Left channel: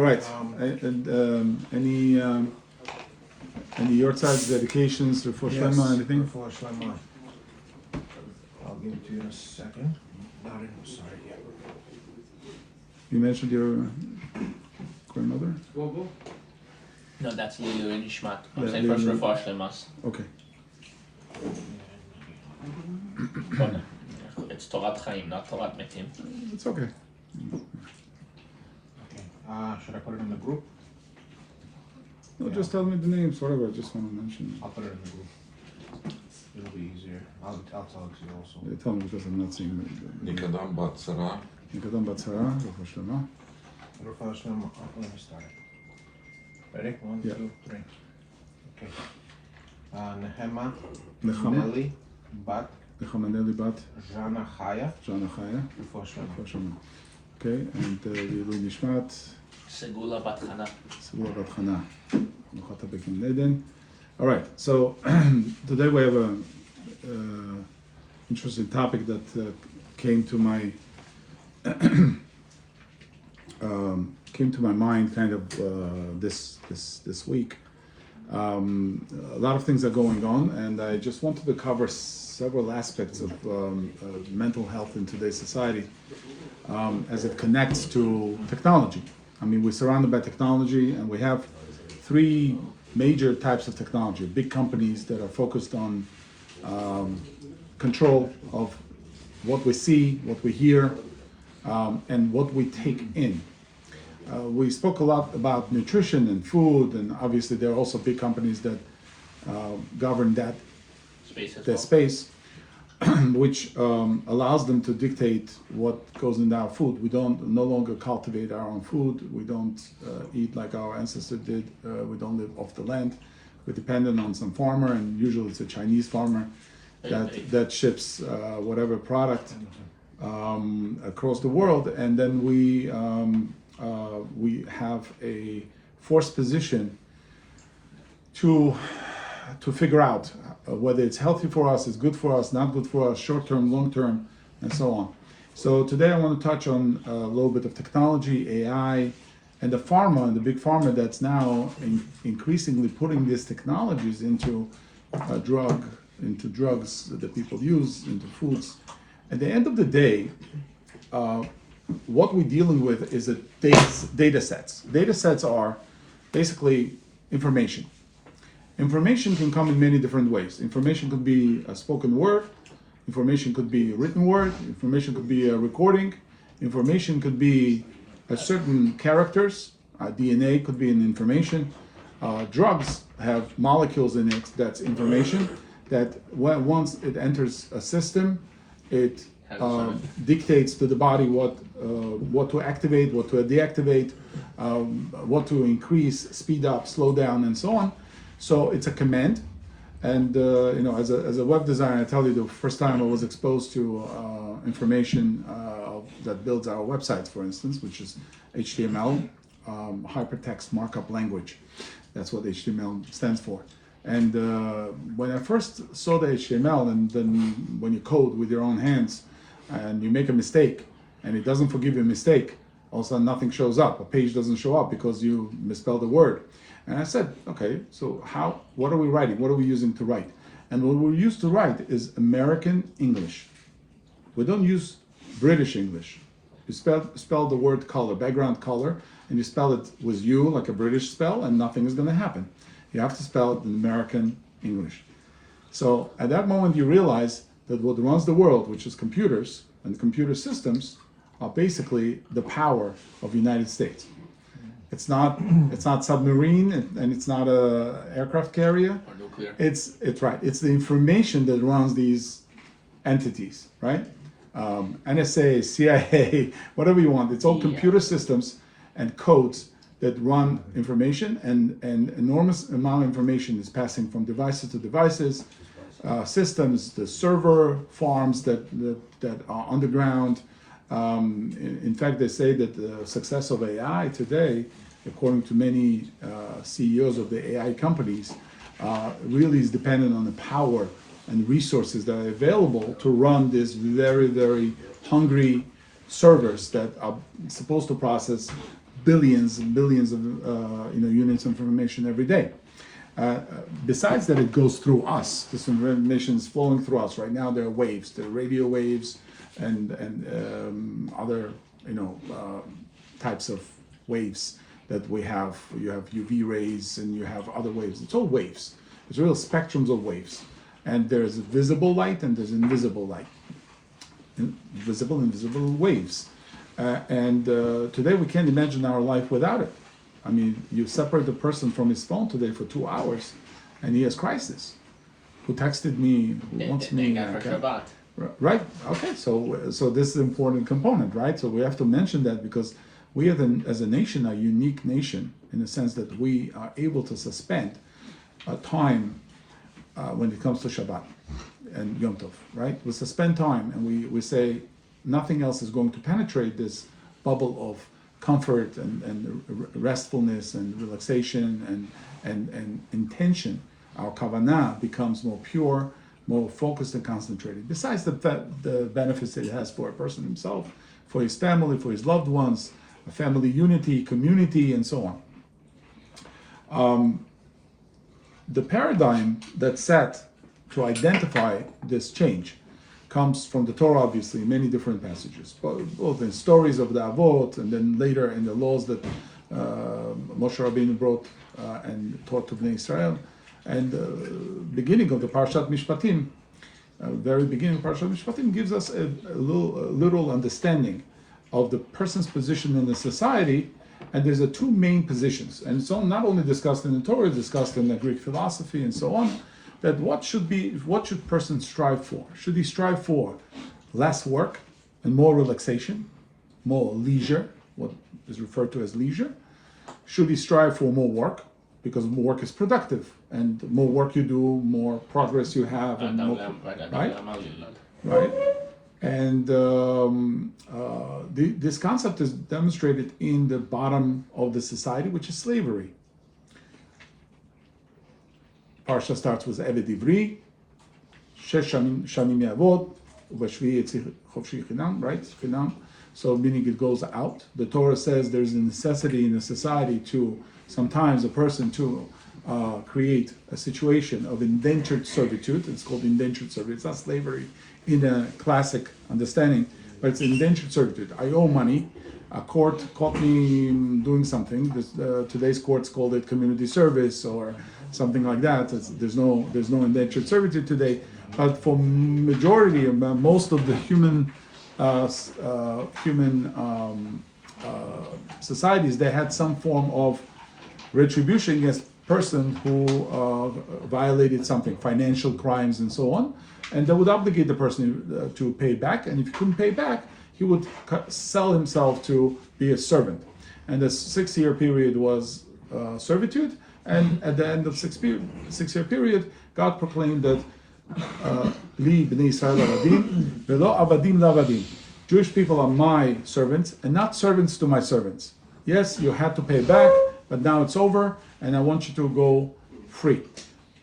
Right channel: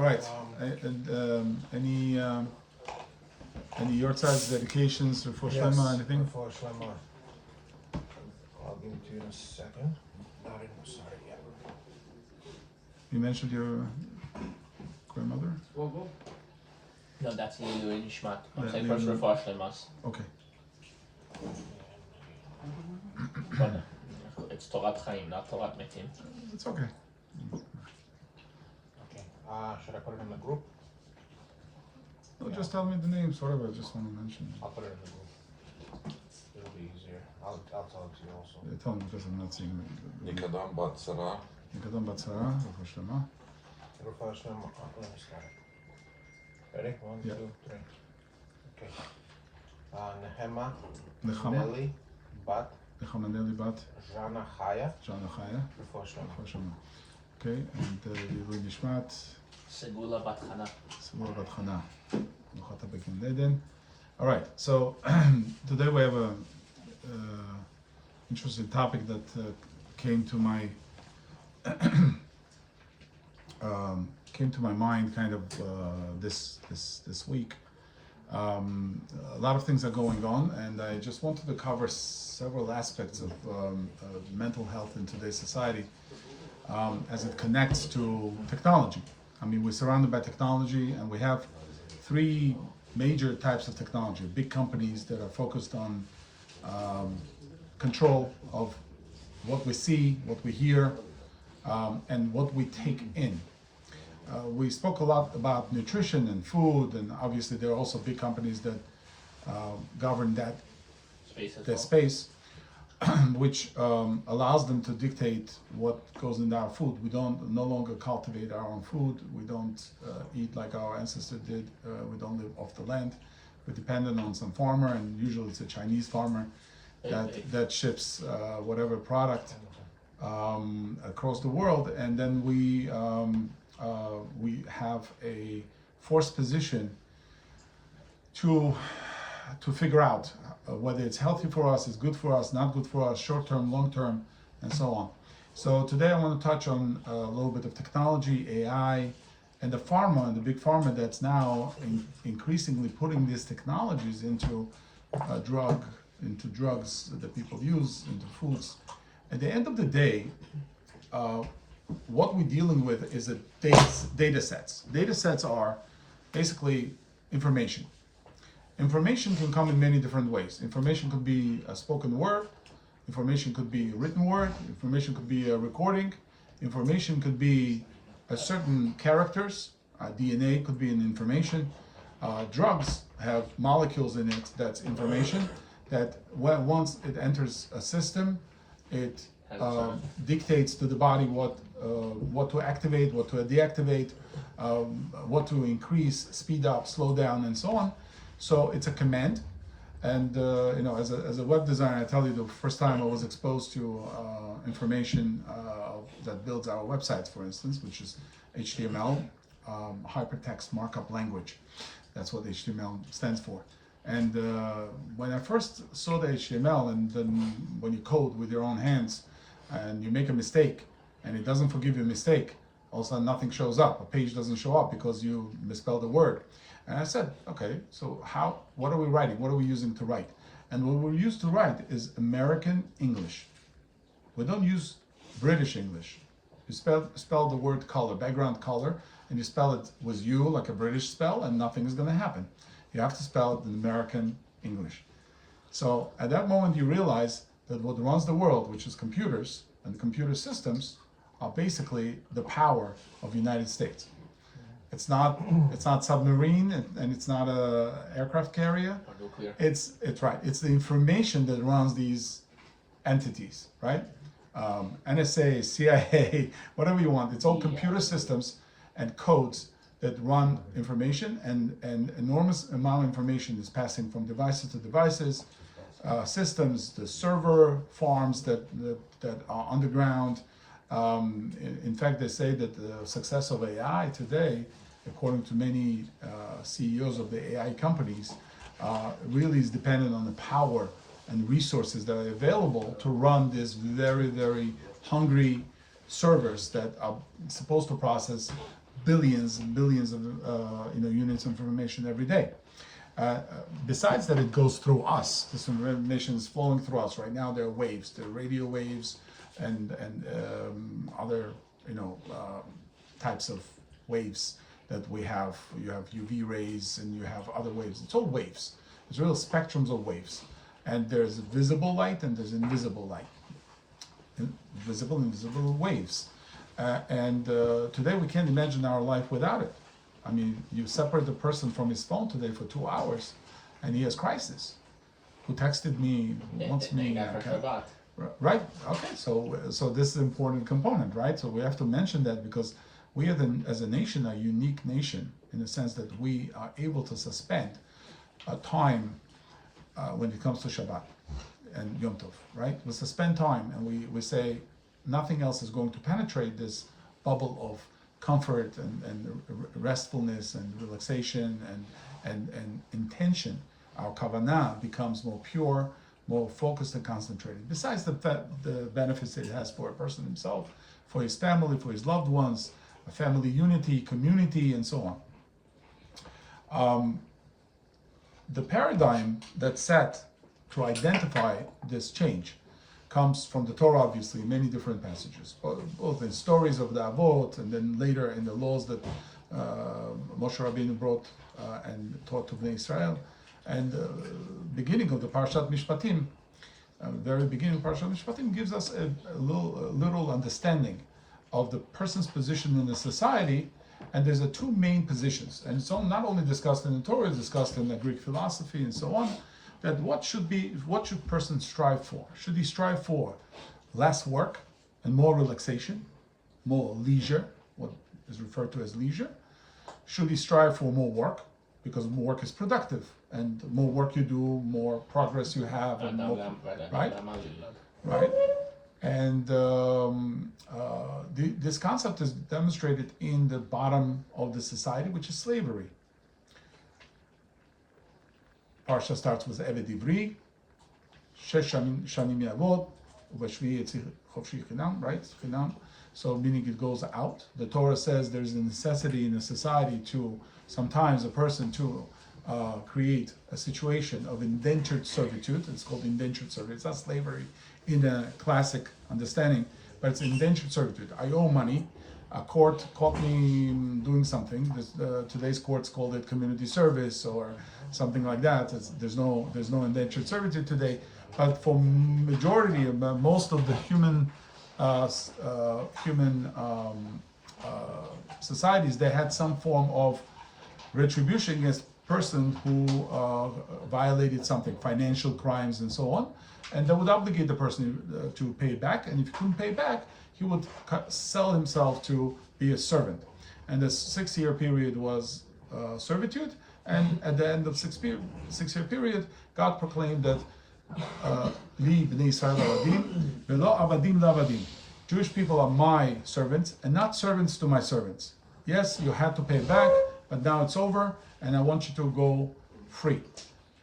All right. Any your side's dedications for Shlema, anything? For Shlema. I'll give it to you in a second. Not in, sorry. You mentioned your grandmother? No, that's Lilu and Ishmat. I'm Yeah, saying first Lilu. Refuah Shlemas. Okay. It's Torat Chaim, not Torat Metim. It's okay. Okay. Should I put it in the group? No, just tell me the names, whatever. I just want to mention. I'll put it in the group. It'll be easier. I'll tell it to you also. Tell me because I'm not seeing it. Nikadam Batsara. Nikadam Batsara, Refuah Shlema. Refuah Shlema. Let me start. Ready? One, Yeah. 2, 3. Okay. Nehema. Nechama. Nelly. Bat. Nechamaneli Bat. Jana Chaya. Jana Chaya. Refuah Shlema. Refuah Shlema. Okay, and Lilu Nishmat. Segula Bat Chana. Segula Bat Chana. Nuchata Bekin Eden. All right, so today we have a interesting topic that came to my mind kind of this week. A lot of things are going on, and I just wanted to cover several aspects of mental health in today's society as it connects to technology. I mean, we're surrounded by technology, and we have three major types of technology. Big companies that are focused on control of what we see, what we hear, and what we take in. We spoke a lot about nutrition and food, and obviously there are also big companies that govern that space, which allows them to dictate what goes into our food. We no longer cultivate our own food. We don't eat like our ancestors did. We don't live off the land. We're dependent on some farmer, and usually it's a Chinese farmer that ships whatever product across the world, and then we have a forced position to figure out whether it's healthy for us, it's good for us, not good for us, short term, long term, and so on. So today I want to touch on a little bit of technology, AI, and the pharma and the big pharma that's now increasingly putting these technologies into drugs that people use, into foods. At the end of the day, what we're dealing with is data sets. Data sets are basically information. Information can come in many different ways. Information could be a spoken word, information could be a written word, information could be a recording, information could be a certain characters, DNA could be an information. Drugs have molecules in it that's information that once it enters a system, it dictates to the body what to activate, what to deactivate, what to increase, speed up, slow down, and so on. So it's a command, and as a web designer, I tell you the first time I was exposed to information that builds our websites, for instance, which is HTML, hypertext markup language. That's what HTML stands for. And when I first saw the HTML, and then when you code with your own hands, and you make a mistake, and it doesn't forgive your mistake, all of a sudden nothing shows up. A page doesn't show up because you misspelled a word. And I said, okay, so what are we writing? What are we using to write? And what we use to write is American English. We don't use British English. You spell the word color, background color, and you spell it with U like a British spell, and nothing is going to happen. You have to spell it in American English. So at that moment you realize that what runs the world, which is computers and computer systems, are basically the power of the United States. It's not submarine, and it's not a aircraft carrier. Or nuclear. It's right. It's the information that runs these entities, right? NSA, CIA, whatever you want. It's all computer systems and codes that run information, and an enormous amount of information is passing from devices to devices, systems, the server farms that are underground. In fact, they say that the success of AI today, according to many CEOs of the AI companies, really is dependent on the power and resources that are available to run these very, very hungry servers that are supposed to process billions and billions of units of information every day. Besides that, it goes through us. This information is flowing through us. Right now, there are waves, there are radio waves, and other types of waves that we have. You have UV rays and you have other waves. It's all waves. It's real spectrums of waves. And there's visible light and there's invisible light. Visible and invisible waves. Today we can't imagine our life without it. I mean, you separate the person from his phone today for 2 hours and he has crisis. Who texted me, who wants me. Right, okay, so this is an important component, right? So we have to mention that because we as a nation are a unique nation in the sense that we are able to suspend time when it comes to Shabbat and Yom Tov, right? We suspend time and we say nothing else is going to penetrate this bubble of comfort and restfulness and relaxation and intention. Our kavanah becomes more pure, more focused and concentrated. Besides the benefits that it has for a person himself, for his family, for his loved ones, family unity, community, and so on. The paradigm that's set to identify this change comes from the Torah, obviously, in many different passages, both in stories of the Avot and then later in the laws that Moshe Rabbeinu brought and taught to Bnei Israel. And beginning of the Parshat Mishpatim, very beginning of Parshat Mishpatim gives us a little understanding of the person's position in the society. And there's two main positions, and it's not only discussed in the Torah, it's discussed in the Greek philosophy and so on. That what should person strive for? Should he strive for less work and more relaxation, more leisure, what is referred to as leisure? Should he strive for more work because more work is productive, and more work you do, more progress you have, and more, right? Right. And this concept is demonstrated in the bottom of the society, which is slavery. Parsha starts with Eved Ivri, Shesh Shanim Yavod, Vashvi Yitzich Chofshi Chinam, right? Chinam. So meaning it goes out. The Torah says there's a necessity in a society to sometimes a person to create a situation of indentured servitude. It's called indentured servitude. It's not slavery in a classic understanding, but it's indentured servitude. I owe money. A court caught me doing something. Today's courts called it community service or something like that. There's no indentured servitude today, but for majority of most of the human societies, they had some form of retribution against person who violated something, financial crimes and so on, and they would obligate the person to pay back. And if he couldn't pay back, he would sell himself to be a servant. And the 6-year period was servitude. And at the end of 6-year period, God proclaimed that Li b'nei Israel avadim velo avadim lavadim. Jewish people are my servants and not servants to my servants. Yes, you had to pay back, but now it's over, and I want you to go free.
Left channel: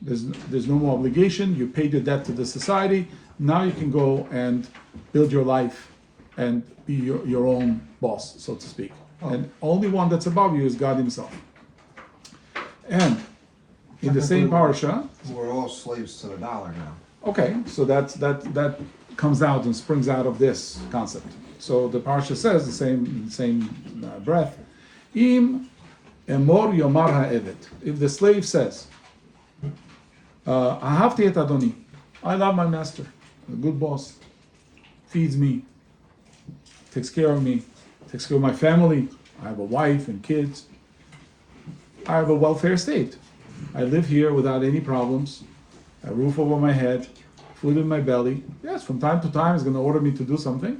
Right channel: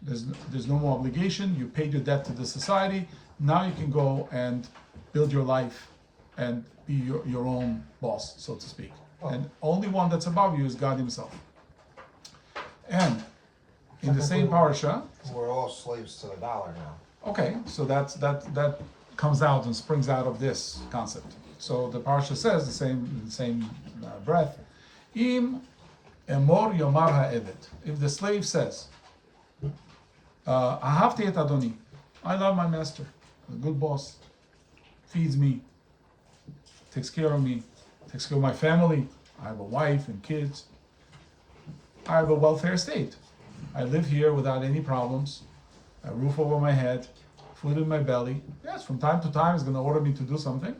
There's no more obligation. You paid your debt to the society. Now you can go and build your life and be your own boss, so to speak. And only one that's above you is God Himself. And in the same parasha, we're all slaves to the dollar now. okay, so that comes out and springs out of this concept. So the parasha says the same breath. Im emor yomar ha'evet. If the slave says, ahavti et adoni, I love my master, a good boss, feeds me, takes care of me, takes care of my family. I have a wife and kids. I have a welfare state. I live here without any problems, a roof over my head, food in my belly. Yes, from time to time he's going to order me to do something.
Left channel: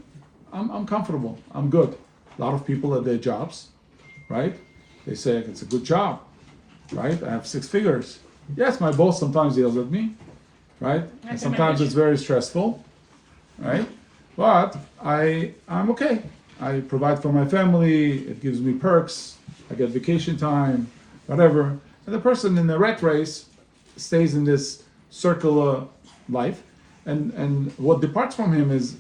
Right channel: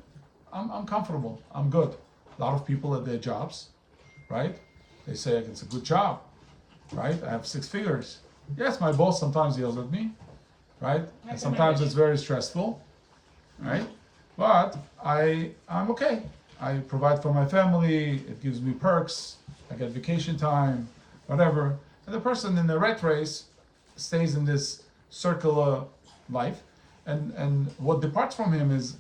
I'm comfortable. I'm good. A lot of people at their jobs, right? They say it's a good job, right? I have 6 figures. Yes, my boss sometimes yells at me, right? And sometimes it's very stressful, right? But I'm okay. I provide for my family. It gives me perks. I get vacation time, whatever. And the person in the rat race stays in this circular life, and what departs from him is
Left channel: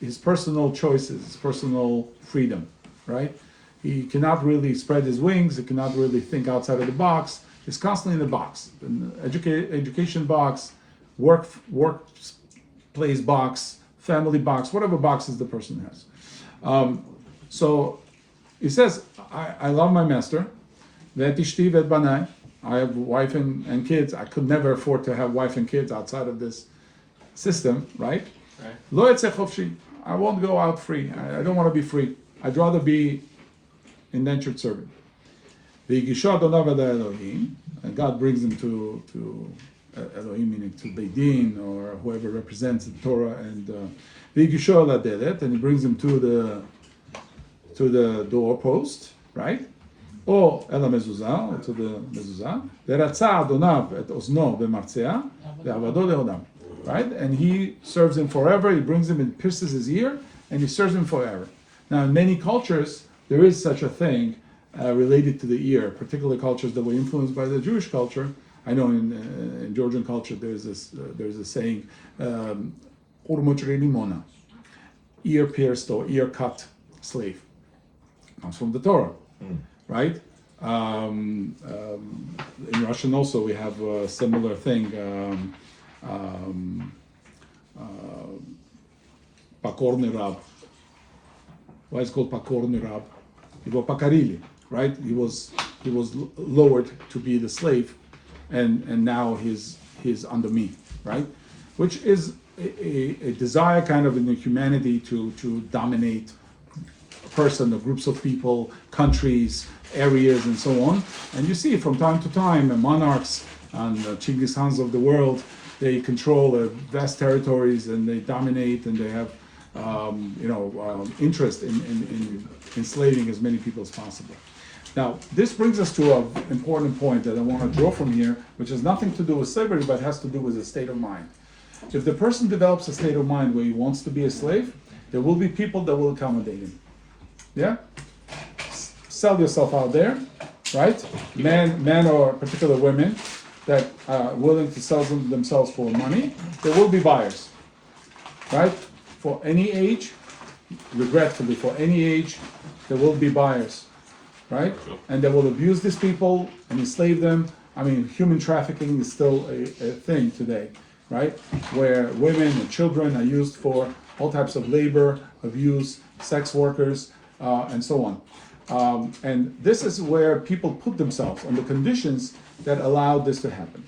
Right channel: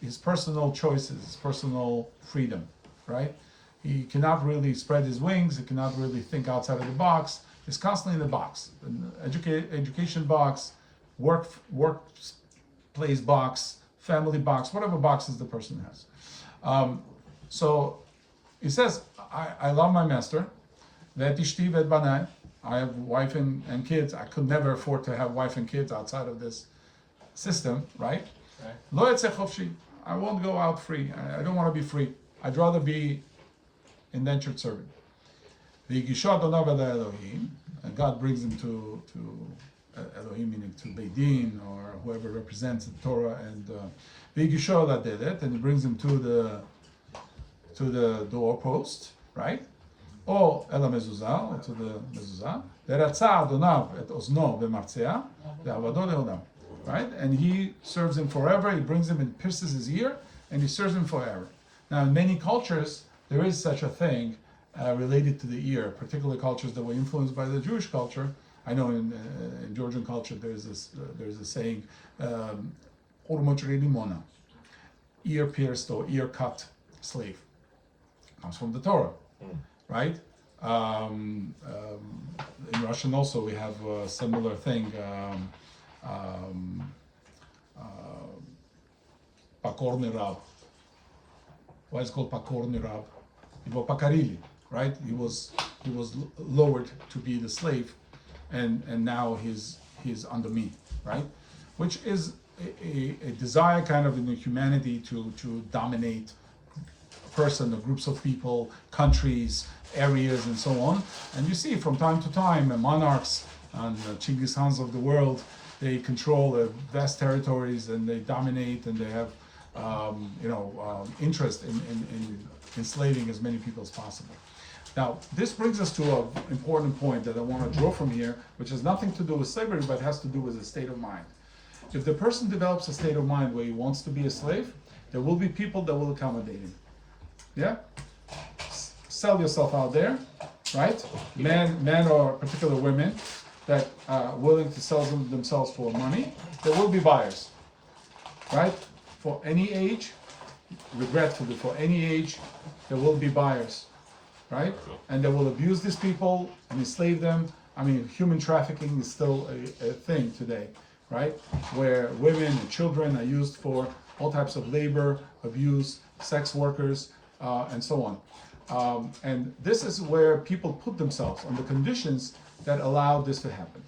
his personal choices, his personal freedom, right? He cannot really spread his wings. He cannot really think outside of the box. He's constantly in the box, an education box, workplace box, family box, whatever boxes the person has. So he says, I love my master. Ve'etishti ve'etbanai. I have wife and kids. I could never afford to have wife and kids outside of this system, right? Lo yetzeh chofshi. I won't go out free. I don't want to be free. I'd rather be indentured servant. V'yigisho Adonav ad Elohim. And God brings him to Elohim, meaning to Beit Din, or whoever represents the Torah, and v'yigisho al hadelet, and he brings him to the doorpost, right? Or el hamezuzah, to the mezuzah. Ve'ratza Adonav et ozno ve'martzea ve'avado le'odam. Right? And he serves him forever. He brings him and pierces his ear, and he serves him forever. Now, in many cultures, there is such a thing related to the ear, particularly cultures that were influenced by the Jewish culture. I know in Georgian culture there's a saying, "Urmochri limona," ear pierced or ear cut slave. Comes from the Torah, right? In Russian also we have a similar thing. Pakorny rab. Why is it called Pakorny rab? Его покорили, right? He was lowered to be the slave, and now he's under me, right? Which is a desire kind of in the humanity to dominate a person or groups of people, countries, areas, and so on. And you see from time to time monarchs and Chinggis Khans of the world, they control vast territories and they dominate, and they have interest in enslaving as many people as possible. Now, this brings us to an important point that I want to draw from here, which has nothing to do with slavery, but has to do with a state of mind. If the person develops a state of mind where he wants to be a slave, there will be people that will accommodate him. Yeah? Sell yourself out there, right? Men or particular women that are willing to sell themselves for money, there will be buyers, right? For any age, regretfully, for any age, there will be buyers, right? And they will abuse these people and enslave them. I mean, human trafficking is still a thing today, right? Where women and children are used for all types of labor, abuse, sex workers, and so on. And this is where people put themselves on the conditions that allow this to happen.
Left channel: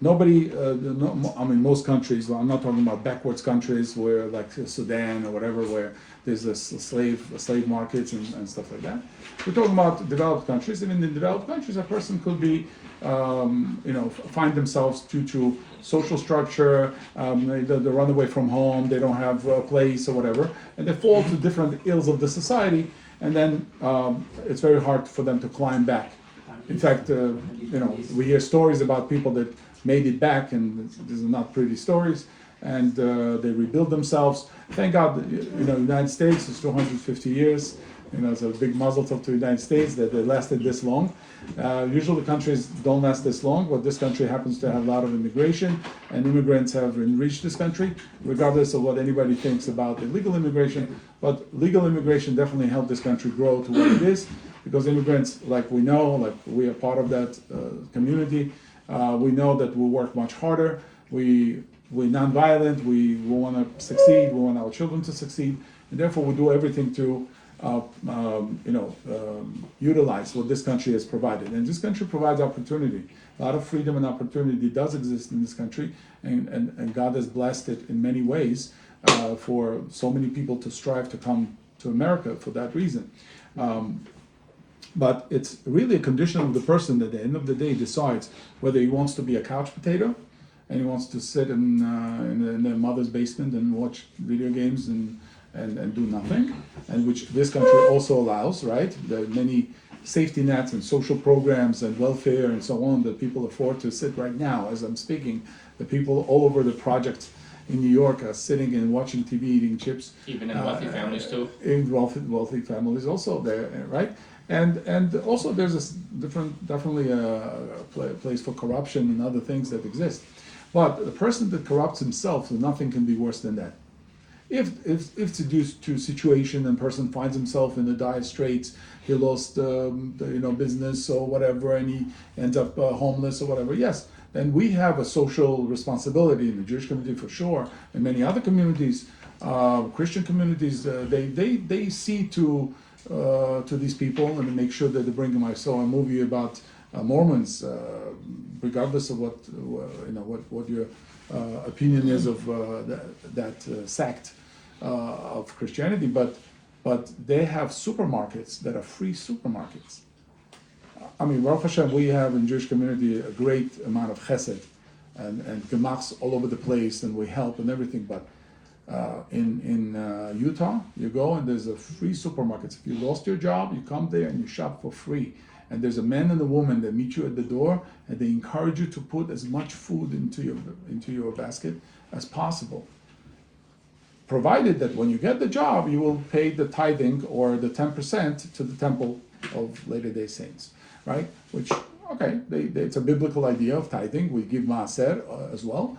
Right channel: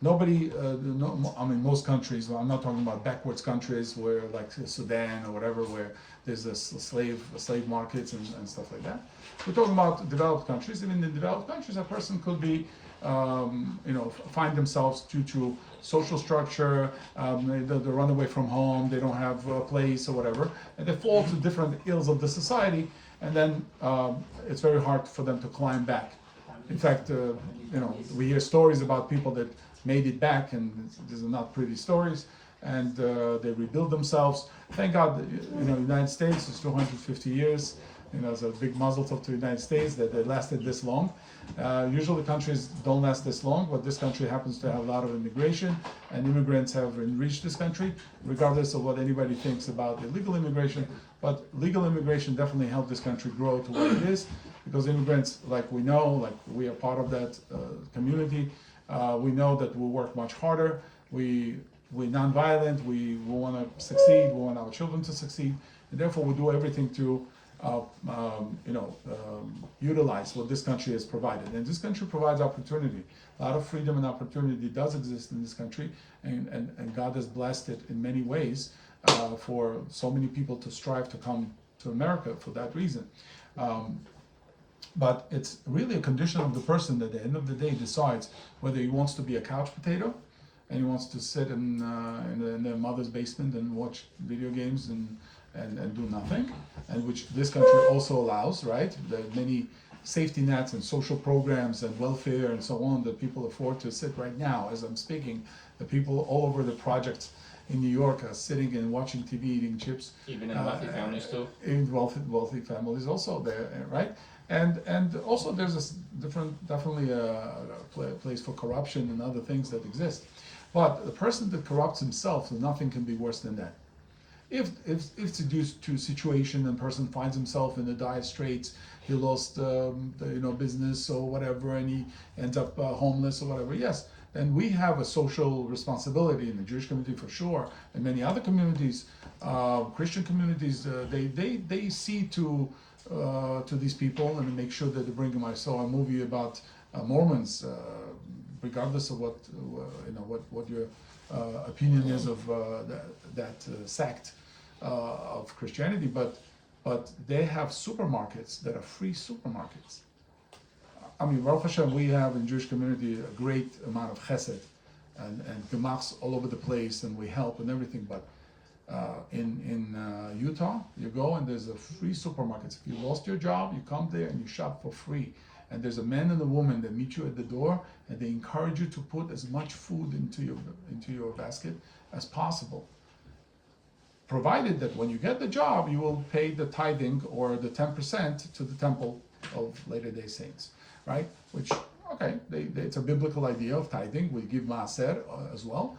Nobody, most countries, well, I'm not talking about backwards countries where like Sudan or whatever, where there's a slave markets and stuff like that. We're talking about developed countries. Even in developed countries, a person could be, find themselves due to social structure, they run away from home, they don't have a place or whatever, and they fall to different ills of the society, and then it's very hard for them to climb back. In fact, we hear stories about people that made it back, and these are not pretty stories, and they rebuild themselves. Thank God, the United States is 250 years. It's a big muzzle to the United States that they lasted this long. Usually countries don't last this long, but this country happens to have a lot of immigration, and immigrants have enriched this country, regardless of what anybody thinks about illegal immigration. But legal immigration definitely helped this country grow to what it is, because immigrants, like we are part of that community. We know that we work much harder. We're non-violent. We want to succeed. We want our children to succeed, and therefore we do everything to utilize what this country has provided. And this country provides opportunity. A lot of freedom and opportunity does exist in this country, and God has blessed it in many ways for so many people to strive to come to America for that reason. But it's really a condition of the person that at the end of the day decides whether he wants to be a couch potato and he wants to sit in their mother's basement and watch video games and do nothing, and which this country also allows, right? There are many safety nets and social programs and welfare and so on that people afford to sit right now as I'm speaking. The people all over the projects in New York are sitting and watching TV, eating chips. Even in wealthy families too. In wealthy families also there, right? And also there's this definitely a place for corruption and other things that exist. But the person that corrupts himself, nothing can be worse than that. If it's due to situation and person finds himself in the dire straits, he lost business or whatever, and he ends up homeless or whatever. Yes, then we have a social responsibility in the Jewish community for sure, and many other communities, Christian communities. They see to these people and make sure that they bring them. I saw a movie about Mormons, regardless of what your opinion is of that sect of Christianity, but they have supermarkets that are free supermarkets. I mean, Baruch Hashem, we have in Jewish community a great amount of chesed and gemachs all over the place, and we help and everything. But in Utah, you go and there's a free supermarkets. If you lost your job, you come there and you shop for free. And there's a man and a woman that meet you at the door, and they encourage you to put as much food into your basket as possible, provided that when you get the job, you will pay the tithing or the 10% to the temple of Latter-day Saints, right? Which, okay, it's a biblical idea of tithing. We give maaser as well.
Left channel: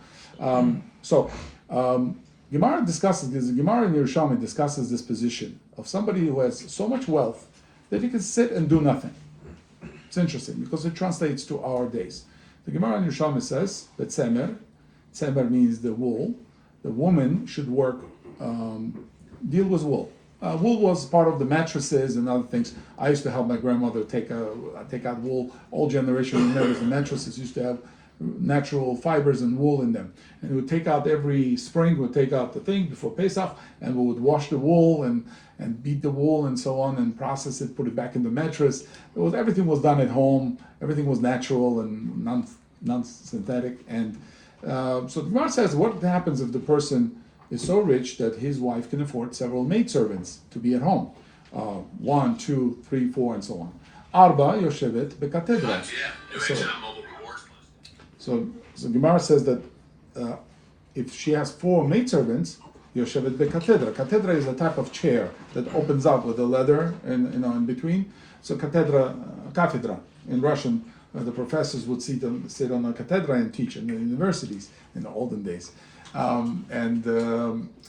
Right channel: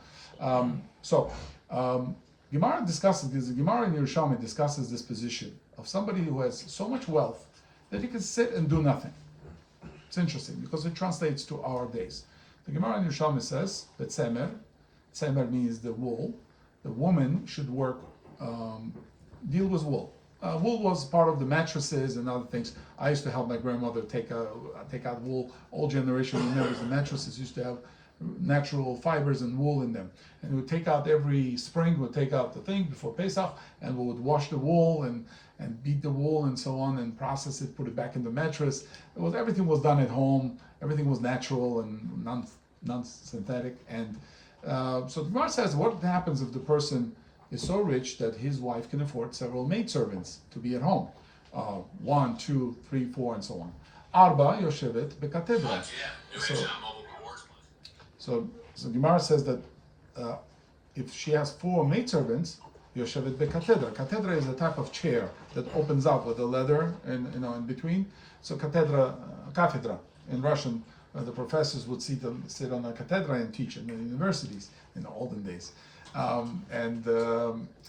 Gemara discusses this. Gemara in Yerushalmi discusses this position of somebody who has so much wealth that he can sit and do nothing. It's interesting because it translates to our days. The Gemara in Yerushalmi says that tzemer means the wool. The woman should work, deal with wool. Wool was part of the mattresses and other things. I used to help my grandmother take out wool. All generation remembers the mattresses used to have natural fibers and wool in them. And we would take out every spring, we would take out the thing before Pesach, and we would wash the wool and beat the wool and so on and process it, put it back in the mattress. Everything was done at home. Everything was natural and non-synthetic. And so the Gemara says, what happens if the person is so rich that his wife can afford several maidservants to be at home? 1, 2, 3, 4, and so on. Arba yoshevet bekatedra. So Gemara says that if she has 4 maidservants, yoshevet bekatedra. Katedra is a type of chair that opens up with a leather in between. So cathedra in Russian, the professors would sit on a cathedra and teach in the universities in the olden days.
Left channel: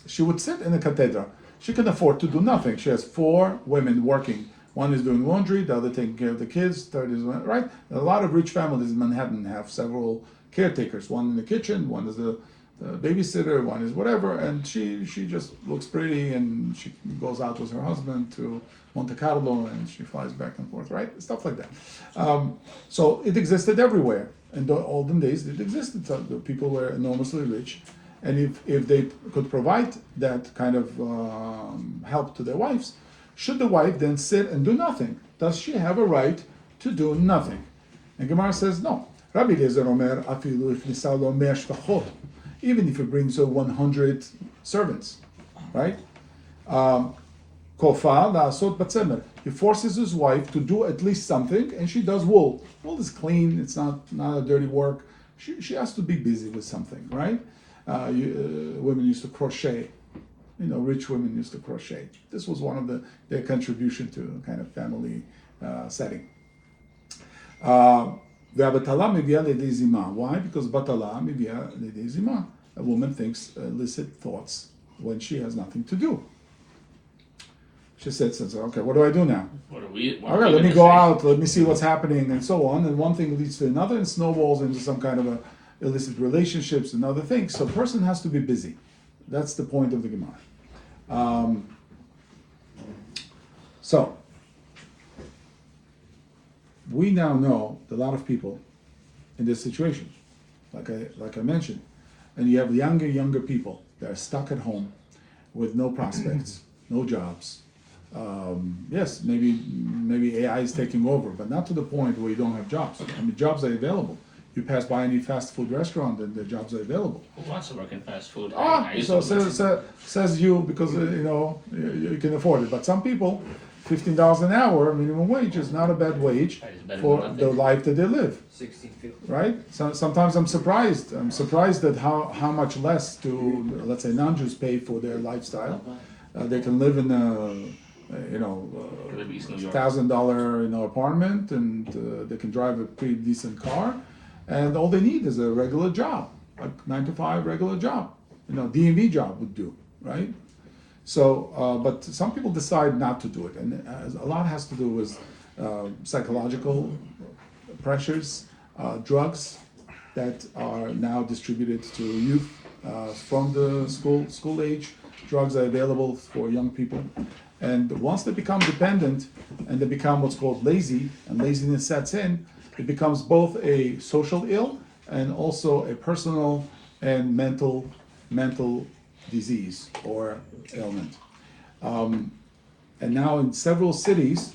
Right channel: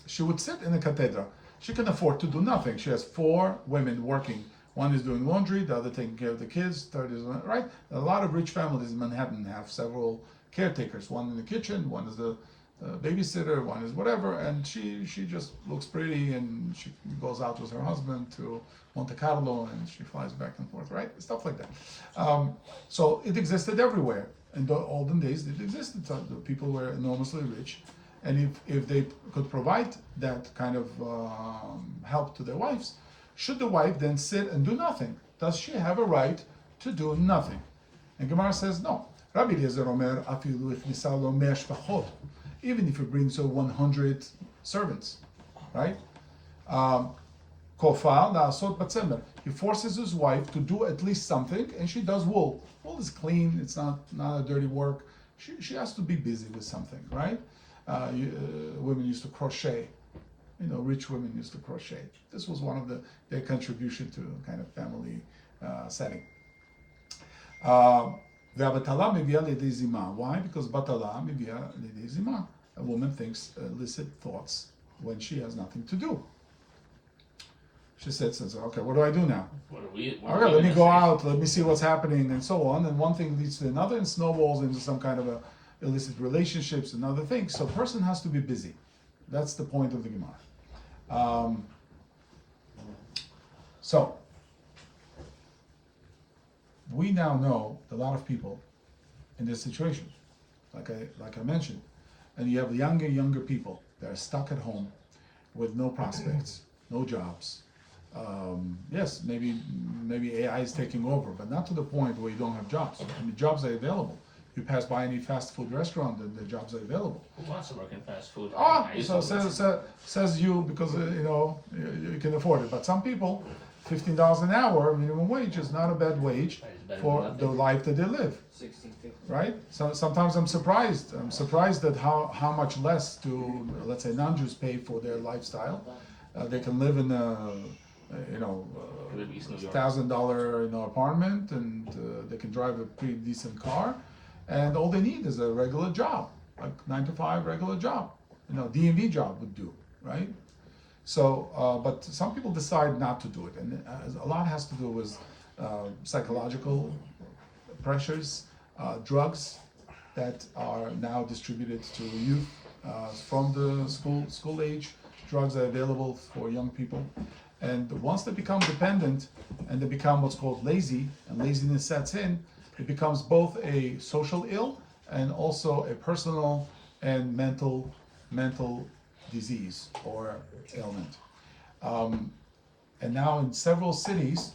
She would sit in a cathedra. She can afford to do nothing. She has 4 women working. One is doing laundry, the other taking care of the kids, third is, right? A lot of rich families in Manhattan have several caretakers. One in the kitchen, one is the babysitter, one is whatever, and she just looks pretty and she goes out with her husband to Monte Carlo and she flies back and forth, right? Stuff like that. So it existed everywhere. In the olden days, it existed. So the people were enormously rich, and if they could provide that kind of help to their wives, should the wife then sit and do nothing? Does she have a right to do nothing? And Gemara says no. Rabbi Eliezer Omer, afilu ichnisa lo mea shpachot, even if it brings her 100 servants, right? Kofa la'asot batzemer. He forces his wife to do at least something, and she does wool. Wool is clean. It's not a dirty work. She has to be busy with something, right? Women used to crochet. Rich women used to crochet. This was one of their contribution to kind of family setting. Why? Because batala mivia lidei zima. A woman thinks illicit thoughts when she has nothing to do. She says, okay, what do I do now? Okay, let me go out, let me see what's happening, and so on. And one thing leads to another and snowballs into some kind of illicit relationships and other things. So a person has to be busy. That's the point of the Gemara. So we now know that a lot of people in this situation, like I mentioned, and you have younger people that are stuck at home with no prospects, no jobs. Yes, maybe AI is taking over, but not to the point where you don't have jobs. I mean, jobs are available. You pass by any fast food restaurant and the jobs are available. Who wants to work in fast food? So says you because you can afford it. But some people, $15 an hour minimum wage is not a bad wage for the life that they live. Right? So sometimes I'm surprised. I'm surprised at how much less do, let's say, non-Jews pay for their lifestyle. They can live in a $1,000 apartment, and they can drive a pretty decent car, and all they need is a regular job, like 9 to 5 regular job. DMV job would do, right? So, but some people decide not to do it, and a lot has to do with psychological pressures, drugs that are now distributed to youth from the school age. Drugs are available for young people, and once they become dependent and they become what's called lazy, and laziness sets in, it becomes both a social ill and also a personal and mental disease or ailment. And now in several cities,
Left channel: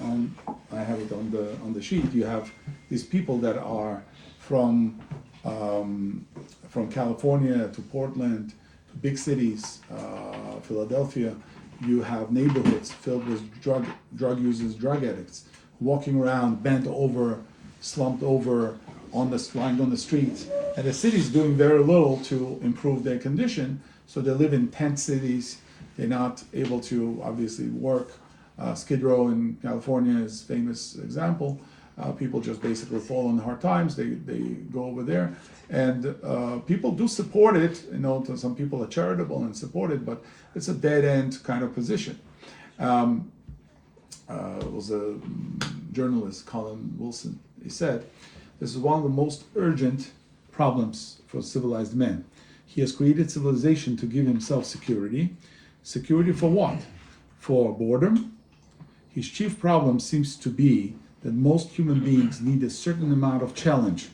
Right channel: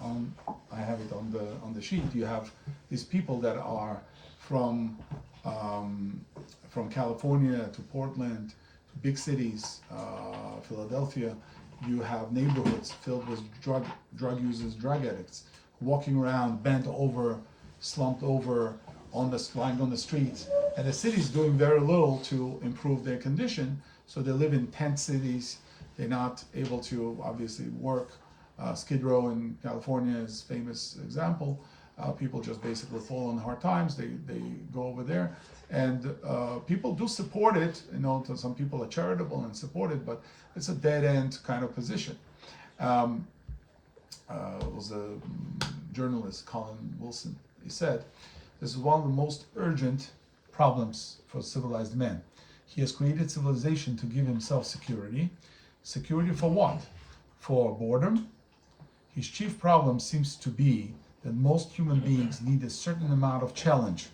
I have it on the sheet. You have these people that are from California to Portland to big cities, Philadelphia. You have neighborhoods filled with drug users, drug addicts, walking around bent over, slumped over, lying on the streets, and the city's doing very little to improve their condition. So they live in tent cities. They're not able to obviously work. Skid Row in California is a famous example. People just basically fall on hard times. They go over there, and people do support it. You know, some people are charitable and support it, but it's a dead end kind of position. It was a journalist, Colin Wilson. He said, "This is one of the most urgent problems for civilized man. He has created civilization to give himself security. Security for what? For boredom? His chief problem seems to be that most human beings need a certain amount of challenge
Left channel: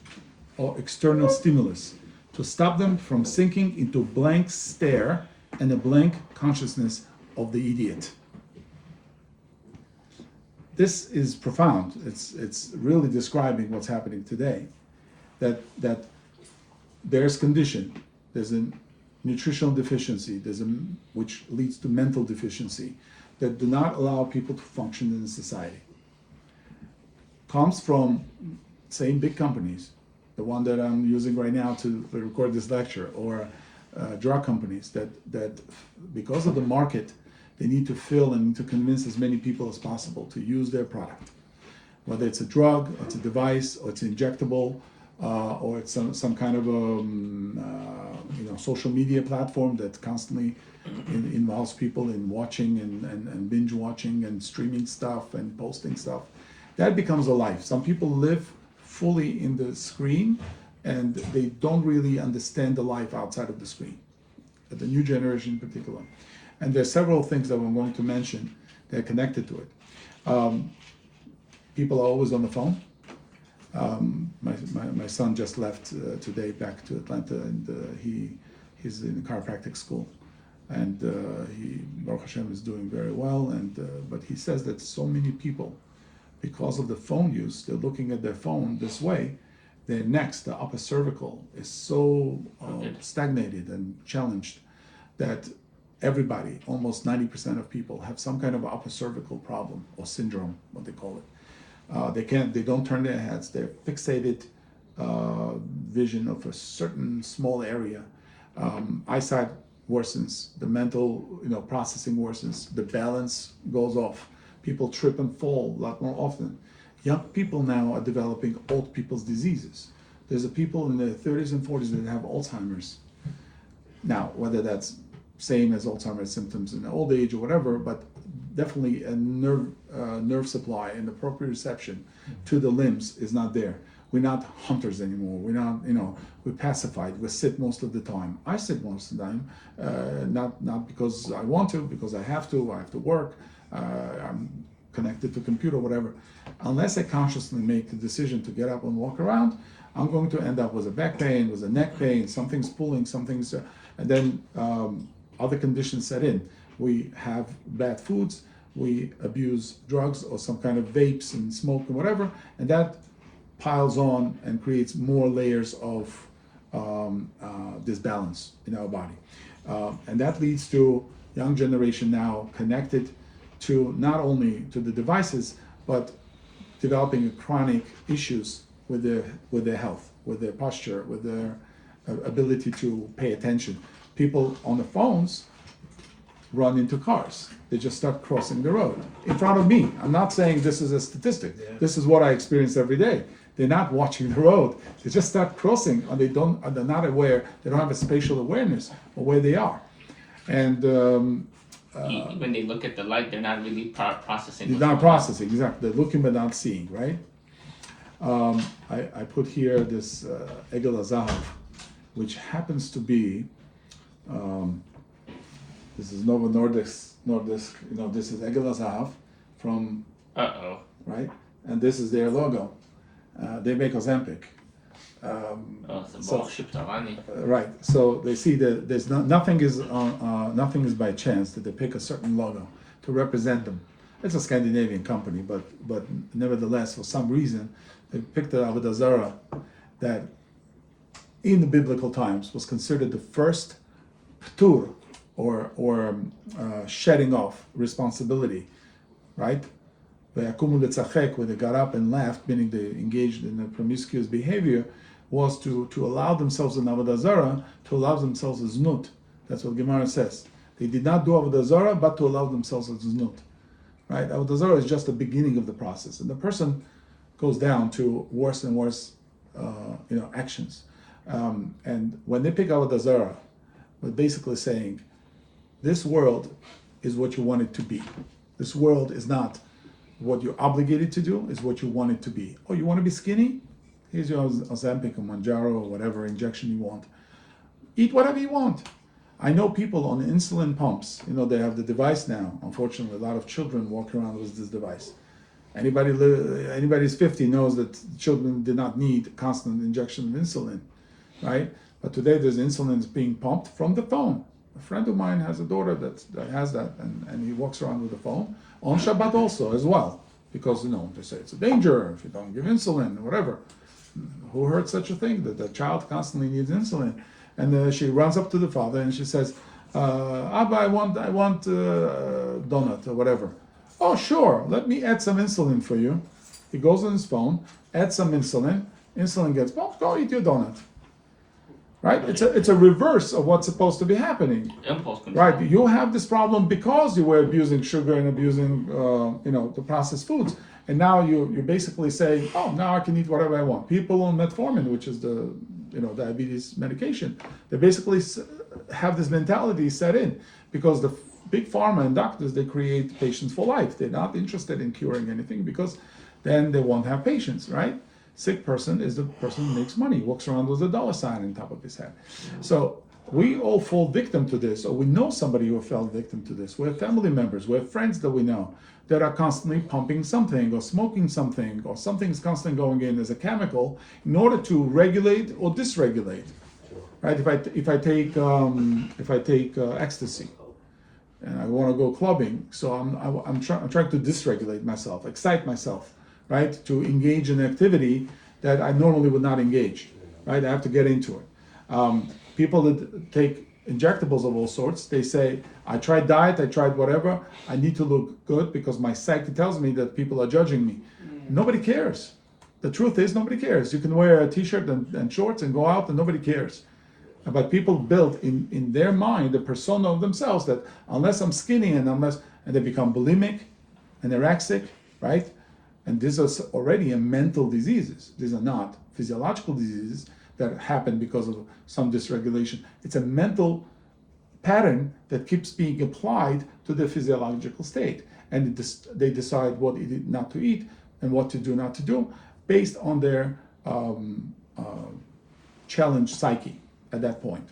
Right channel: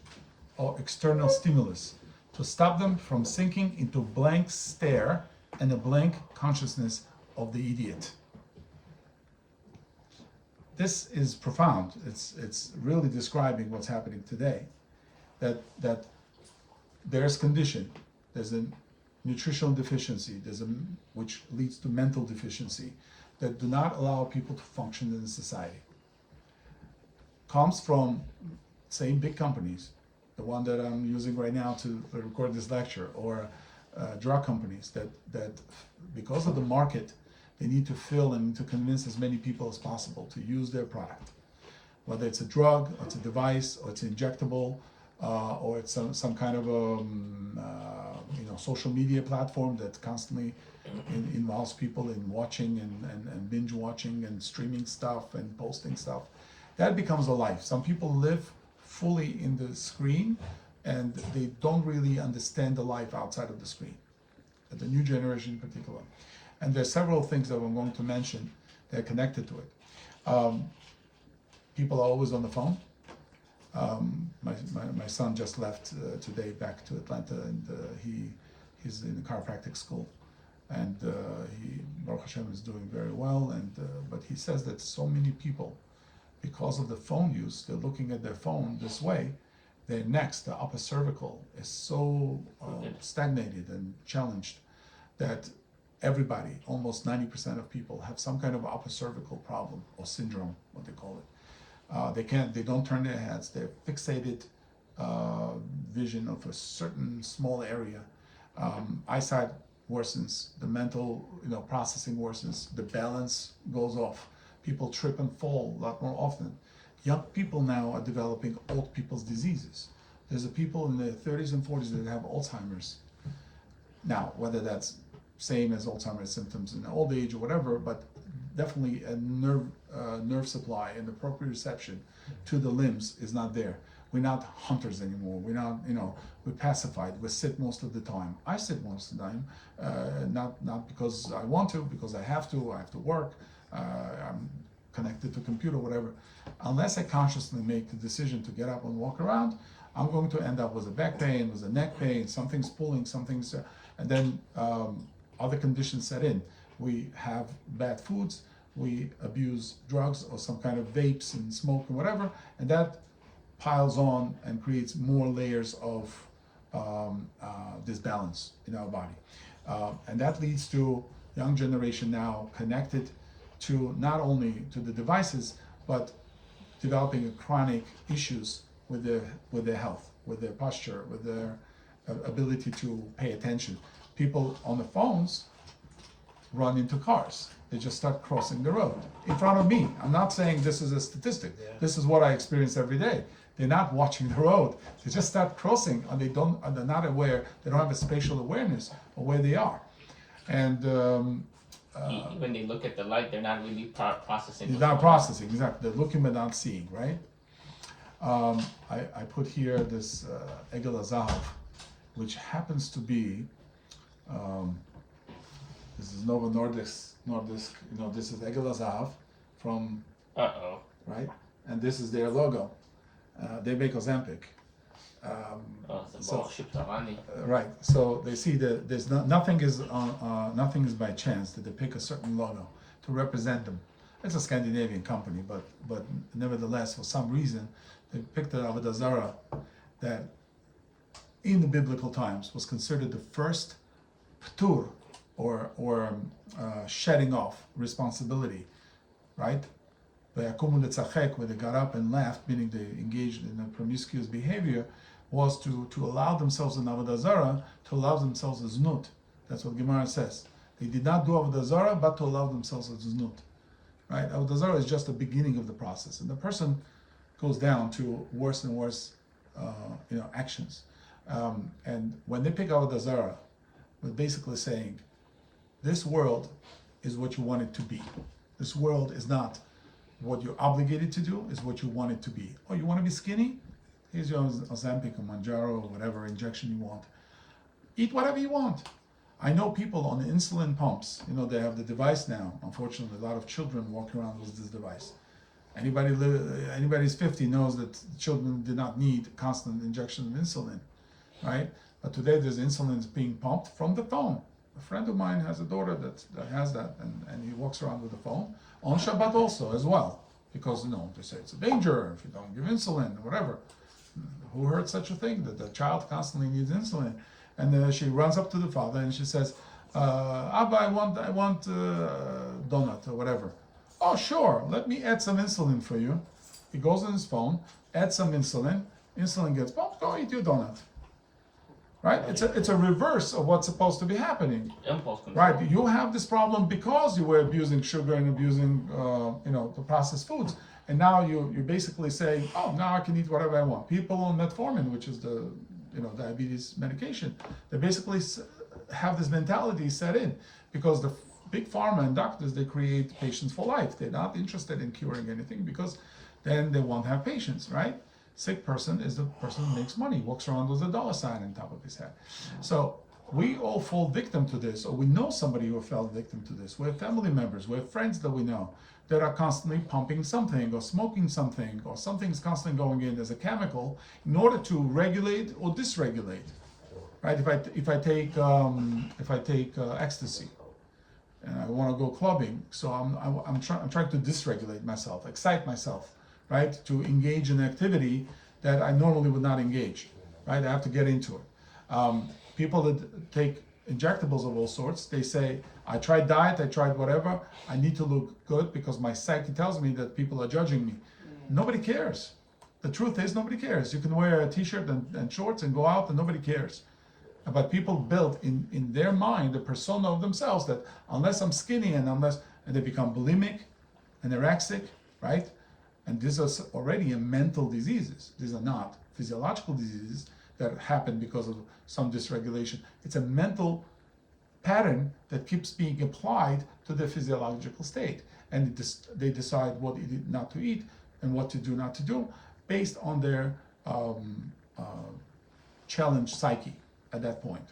or external stimulus to stop them from sinking into a blank stare and a blank consciousness of the idiot." This is profound. It's really describing what's happening today. That there's condition, there's a nutritional deficiency, which leads to mental deficiency, that do not allow people to function in society. Comes from, say, big companies, the one that I'm using right now to record this lecture, or drug companies that because of the market, they need to fill and to convince as many people as possible to use their product. Whether it's a drug, or it's a device, or it's injectable, or it's some kind of social media platform that constantly involves people in watching and binge watching and streaming stuff and posting stuff. That becomes a life. Some people live fully in the screen and they don't really understand the life outside of the screen, the new generation in particular. And there's several things that I'm going to mention that are connected to it. People are always on the phone. My son just left today back to Atlanta, and he's in a chiropractic school, and he, Baruch Hashem, is doing very well. And but he says that so many people, because of the phone use, they're looking at their phone this way. Their necks, the upper cervical, is so stagnated and challenged that everybody, almost 90% of people, have some kind of upper cervical problem or syndrome, what they call it. They don't turn their heads. They're fixated vision of a certain small area. Eyesight worsens. The mental, processing worsens. The balance goes off. People trip and fall a lot more often. Young people now are developing old people's diseases. There's people in their 30s and 40s that have Alzheimer's. Now, whether that's same as Alzheimer's symptoms in old age or whatever, but definitely a nerve supply and the proprioception to the limbs is not there. We're not hunters anymore. We're not, we're pacified. We sit most of the time. I sit most of the time, not because I want to, because I have to work. I'm connected to computer, whatever. Unless I consciously make the decision to get up and walk around, I'm going to end up with a back pain, with a neck pain, something's pulling, and then other conditions set in. We have bad foods, we abuse drugs or some kind of vapes and smoke and whatever, and that piles on and creates more layers of disbalance in our body. And that leads to young generation now connected to not only to the devices, but developing chronic issues with their health, with their posture, with their ability to pay attention. People on the phones run into cars. They just start crossing the road in front of me. I'm not saying this is a statistic. This is what I experience every day. They're not watching the road. They just start crossing, and they're not aware. They don't have a spatial awareness of where they are. And when they look at the light, they're not really processing. They're not processing, exactly. They're looking but not seeing, right? I put here this Egel HaZahav, which happens to be, this is Novo Nordisk, this is Egel HaZahav from, right? And this is their logo. They make Ozempic. Right. So they see that there's nothing is by chance that they pick a certain logo to represent them. It's a Scandinavian company, but nevertheless, for some reason, they picked the Avodah Zarah that in the biblical times was considered the first ptur, or shedding off responsibility, right? When they got up and left, meaning they engaged in a promiscuous behavior, was to allow themselves in Avodah Zarah, to allow themselves a znut. That's what Gemara says. They did not do Avodah Zarah, but to allow themselves a znut. Right? Avodah Zarah is just the beginning of the process, and the person goes down to worse and worse, actions. And when they pick Avodah Zarah, we're basically saying, this world is what you want it to be. This world is not what you're obligated to do, is what you want it to be. Oh, you want to be skinny? Here's your Ozempic or Manjaro or whatever injection you want. Eat whatever you want. I know people on insulin pumps, they have the device now. Unfortunately, a lot of children walk around with this device. Anybody who's 50 knows that children do not need constant injection of insulin, right? But today there's insulin being pumped from the phone. A friend of mine has a daughter that has that, and he walks around with the phone on Shabbat also as well, because they say it's a danger if you don't give insulin or whatever. Who heard such a thing, that the child constantly needs insulin? And she runs up to the father and she says, Abba, I want donut or whatever. Oh, sure, let me add some insulin for you. He goes on his phone, adds some insulin gets pumped, go eat your donut. Right? It's a reverse of what's supposed to be happening. Impulse control. Right? You have this problem because you were abusing sugar and abusing, the processed foods. And now you're basically saying, oh, now I can eat whatever I want. People on metformin, which is the diabetes medication, they basically have this mentality set in because the big pharma and doctors, they create patients for life. They're not interested in curing anything because then they won't have patients, right? Sick person is the person who makes money, walks around with a dollar sign on top of his head. So we all fall victim to this, or we know somebody who fell victim to this. We have family members, we have friends that we know that are constantly pumping something or smoking something, or something's constantly going in as a chemical in order to regulate or dysregulate. Right? If I take ecstasy and I want to go clubbing, so I'm trying to dysregulate myself, excite myself, right? To engage in activity that I normally would not engage, right? I have to get into it. People that take injectables of all sorts, they say, I tried diet, I tried whatever, I need to look good because my psyche tells me that people are judging me. Nobody cares. The truth is, nobody cares. You can wear a t-shirt and shorts and go out and nobody cares. But people build in their mind the persona of themselves that unless I'm skinny and they become bulimic, anorexic, right? And these are already mental diseases. These are not physiological diseases that happen because of some dysregulation. It's a mental pattern that keeps being applied to the physiological state. And they decide what not to eat and what to do not to do based on their challenged psyche at that point.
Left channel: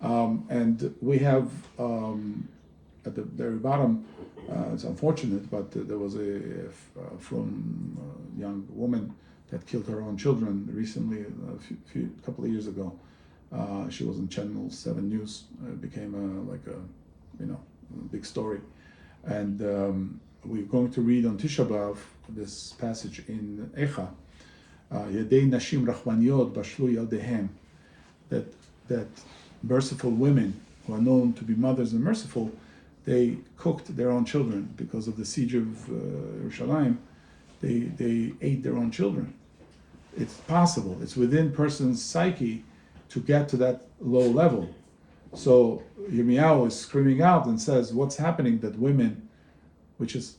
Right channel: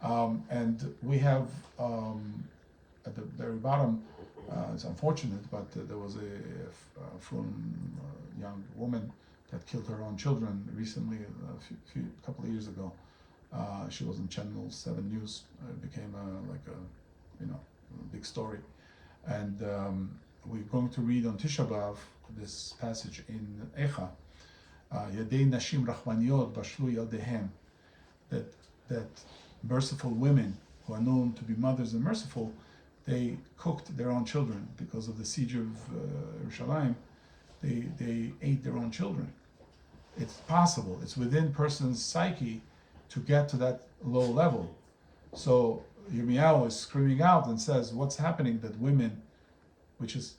And we have at the very bottom, it's unfortunate, but there was a young woman that killed her own children recently, a couple of years ago. She was in Channel 7 News. It became a big story. And we're going to read on Tisha B'Av this passage in Echa, Yedei Nashim Rachmaniyot Bashlu Yaldehem, that merciful women who are known to be mothers and merciful, they cooked their own children because of the siege of Yerushalayim. They ate their own children. It's possible. It's within person's psyche to get to that low level. So Yirmiyahu is screaming out and says, what's happening that women, which is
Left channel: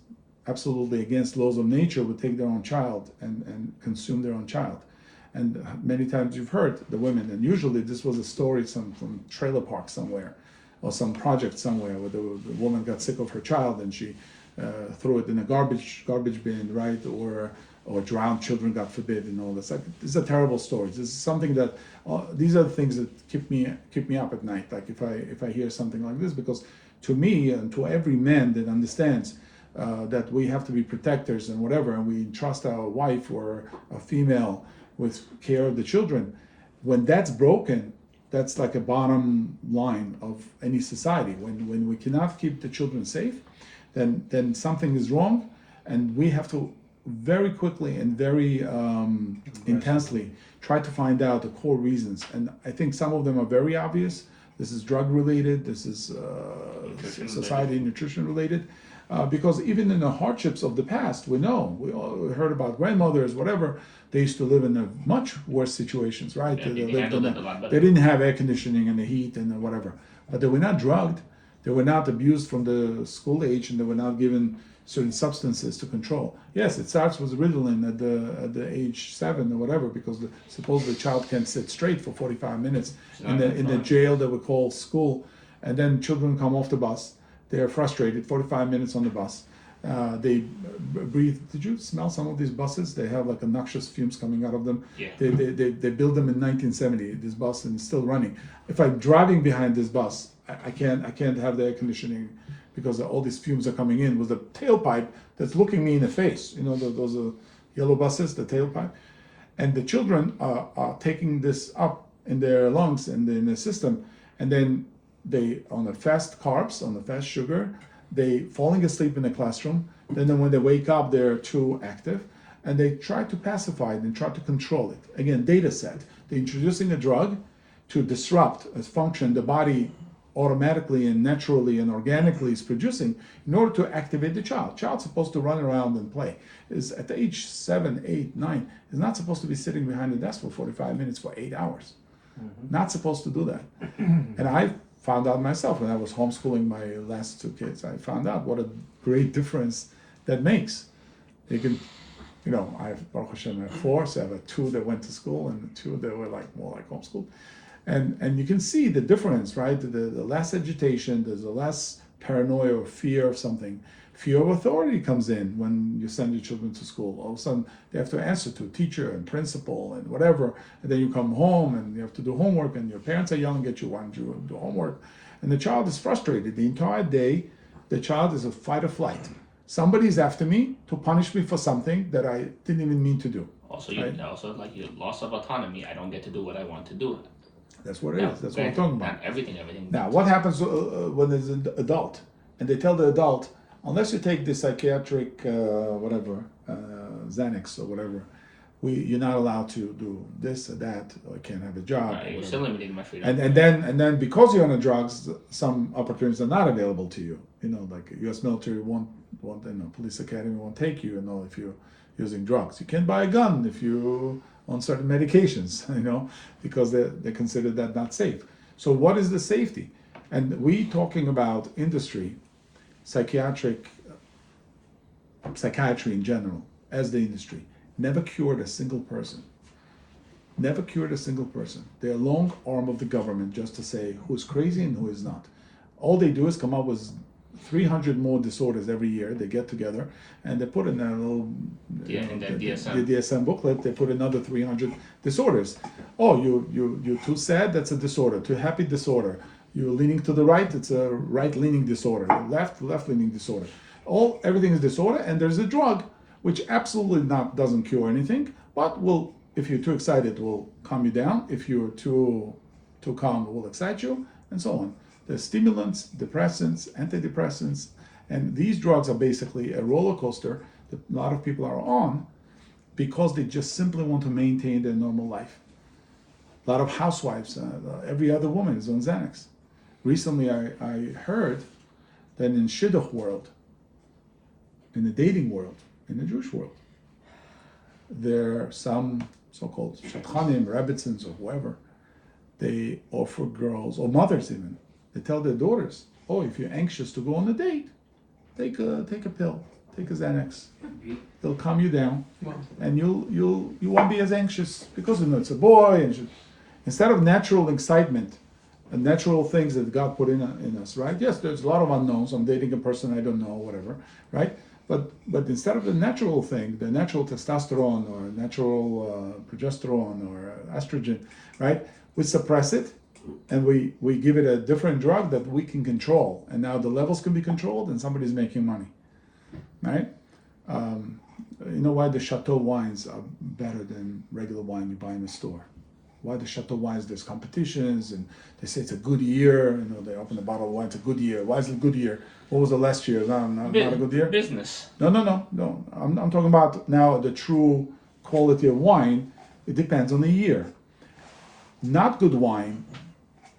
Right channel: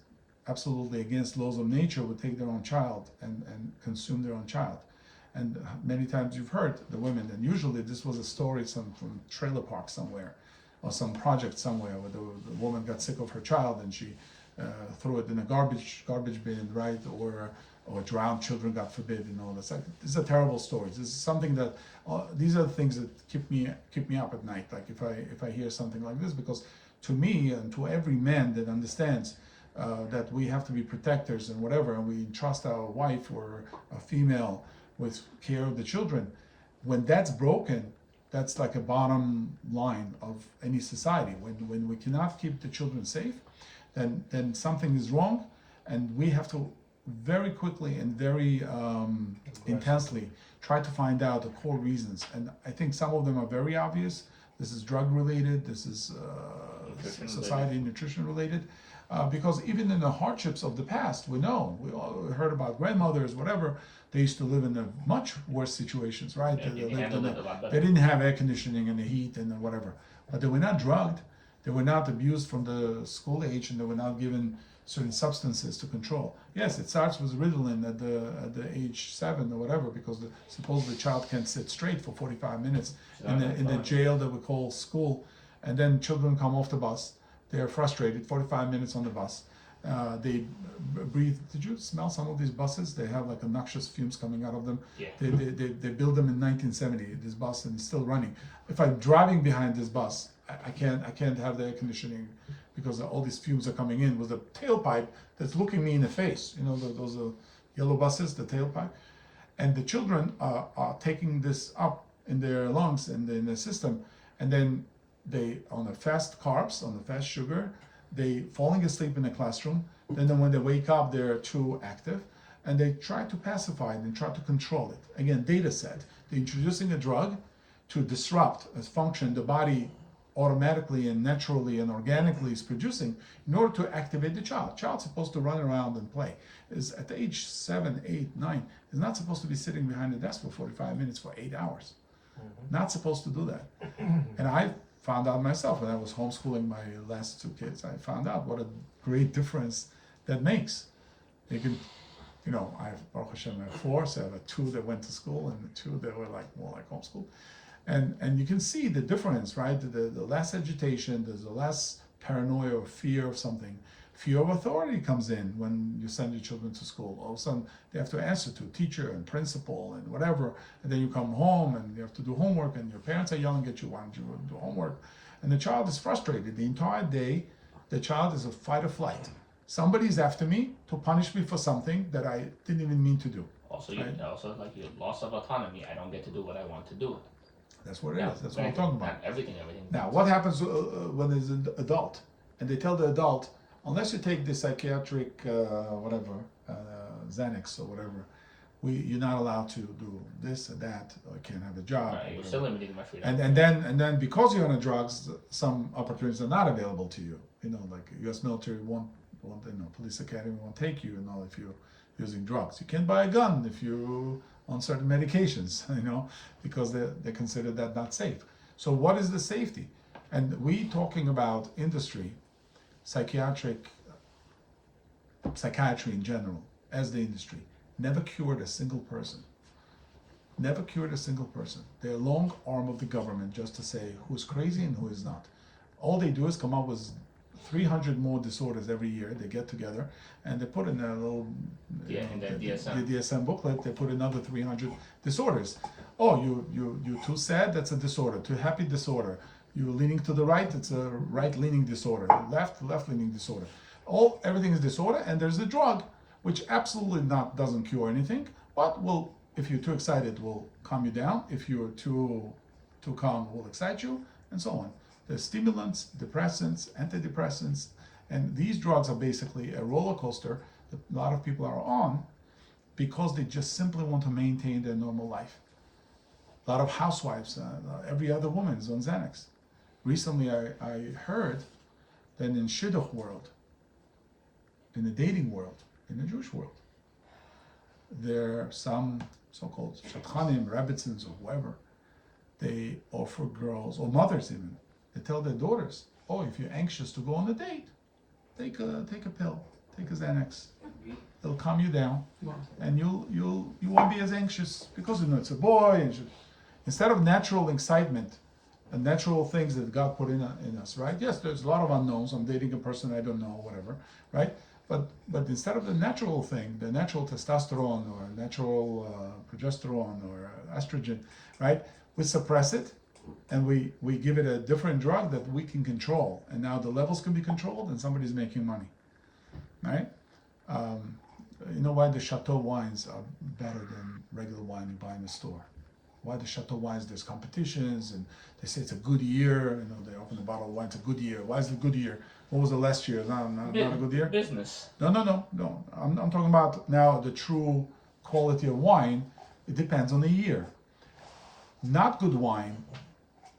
absolutely against laws of nature, would take their own child and consume their own child. And many times you've heard the women, and usually this was a story from trailer park somewhere, or some project somewhere where the woman got sick of her child and she threw it in a garbage bin, right? Or drowned children, God forbid, and all this. Like, these are terrible stories. This is something that these are the things that keep me up at night. Like if I hear something like this, because to me and to every man that understands that we have to be protectors and whatever, and we entrust our wife or a female with care of the children, when that's broken, that's like a bottom line of any society. When we cannot keep the children safe, then something is wrong, and we have to very quickly and very intensely try to find out the core reasons. And I think some of them are very obvious. This is drug related, this is society and nutrition related, because even in the hardships of the past, we all heard about grandmothers, whatever, they used to live in a much worse situations, right? They didn't have air conditioning and the heat and whatever, but they were not drugged, they were not abused from the school age, and they were not given certain substances to control. Yes, it starts with Ritalin at the age 7 or whatever, because supposedly the child can't sit straight for 45 minutes in the jail that we call school, and then children come off the bus. They're frustrated. 45 minutes on the bus. They breathe. Did you smell some of these buses? They have like noxious fumes coming out of them. Yeah. They built them in 1970. This bus, and it's still running. If I'm driving behind this bus, I can't have the air conditioning, because all these fumes are coming in with the tailpipe that's looking me in the face. You know, those are yellow buses, the tailpipe. And the children are taking this up in their lungs and in the system, and then they, on the fast carbs, on the fast sugar, they falling asleep in the classroom. Then when they wake up, they're too active, and they try to pacify it and try to control it. Again, data set. They're introducing a drug to disrupt a function the body automatically and naturally and organically is producing in order to activate the child. Child's supposed to run around and play. Is at the age 7, 8, 9, is not supposed to be sitting behind the desk for 45 minutes for 8 hours. Not supposed to do that. And I found out myself when I was homeschooling my last 2 kids. I found out what a great difference that makes. You can, I have, Baruch Hashem, I have 4, so I have 2 that went to school and 2 that were more like homeschooled. And you can see the difference, right? The less agitation, there's a less paranoia or fear of something. Fear of authority comes in when you send your children to school. All of a sudden, they have to answer to teacher and principal and whatever. And then you come home and you have to do homework, and your parents are yelling at you, why don't you do homework? And the child is frustrated. The entire day, the child is a fight or flight. Somebody's after me to punish me for something that I didn't even mean to do. Also, right? Also like your loss of autonomy. I don't get to do what I want to do. That's what it is. That's what we're talking about. Everything. Now, what happens when there's an adult, and they tell the adult, unless you take the psychiatric Xanax or whatever, you're not allowed to do this or that, or you can't have a job. You're still limiting my freedom. And then because you're on the drugs, some opportunities are not available to you. Like U.S. military won't police academy won't take you. If you're using drugs, you can't buy a gun if you on certain medications, because they consider that not safe. So what is the safety? And we talking about industry, psychiatry in general, as the industry, never cured a single person. Never cured a single person. They're a long arm of the government just to say who's crazy and who is not. All they do is come up with 300 more disorders every year. They get together and they put in a little the DSM booklet. They put another 300 disorders. Oh, you're too sad, that's a disorder. Too happy, disorder. You're leaning to the right, it's a right-leaning disorder. Left-leaning disorder. Everything is disorder, and there's a drug which absolutely doesn't cure anything, but if you're too excited, will calm you down. If you're too calm, it will excite you, and so on. There's stimulants, depressants, antidepressants, and these drugs are basically a roller coaster that a lot of people are on because they just simply want to maintain their normal life. A lot of housewives, every other woman is on Xanax. Recently, I heard that in shidduch world, in the dating world, in the Jewish world, there are some so-called shadchanim, rebbitzins, or whoever, they offer girls, or mothers even, they tell their daughters, if you're anxious to go on a date, take a pill, take a Xanax. It'll calm you down, and you won't be as anxious because it's a boy. And instead of natural excitement natural things that God put in us, right? Yes, there's a lot of unknowns. I'm dating a person I don't know, whatever, right? But instead of the natural thing, the natural testosterone or natural progesterone or estrogen, right? We suppress it, and we give it a different drug that we can control, and now the levels can be controlled, and somebody's making money, right? You know why the Chateau wines are better than regular wine you buy in the store? Why the Chateau wines? There's competitions, and they say it's a good year. You know, they open a bottle of wine. It's a good year. Why is it a good year? What was the last year? Not a good year. Business. No. I'm talking about now the true quality of wine. It depends on the year. Not good wine,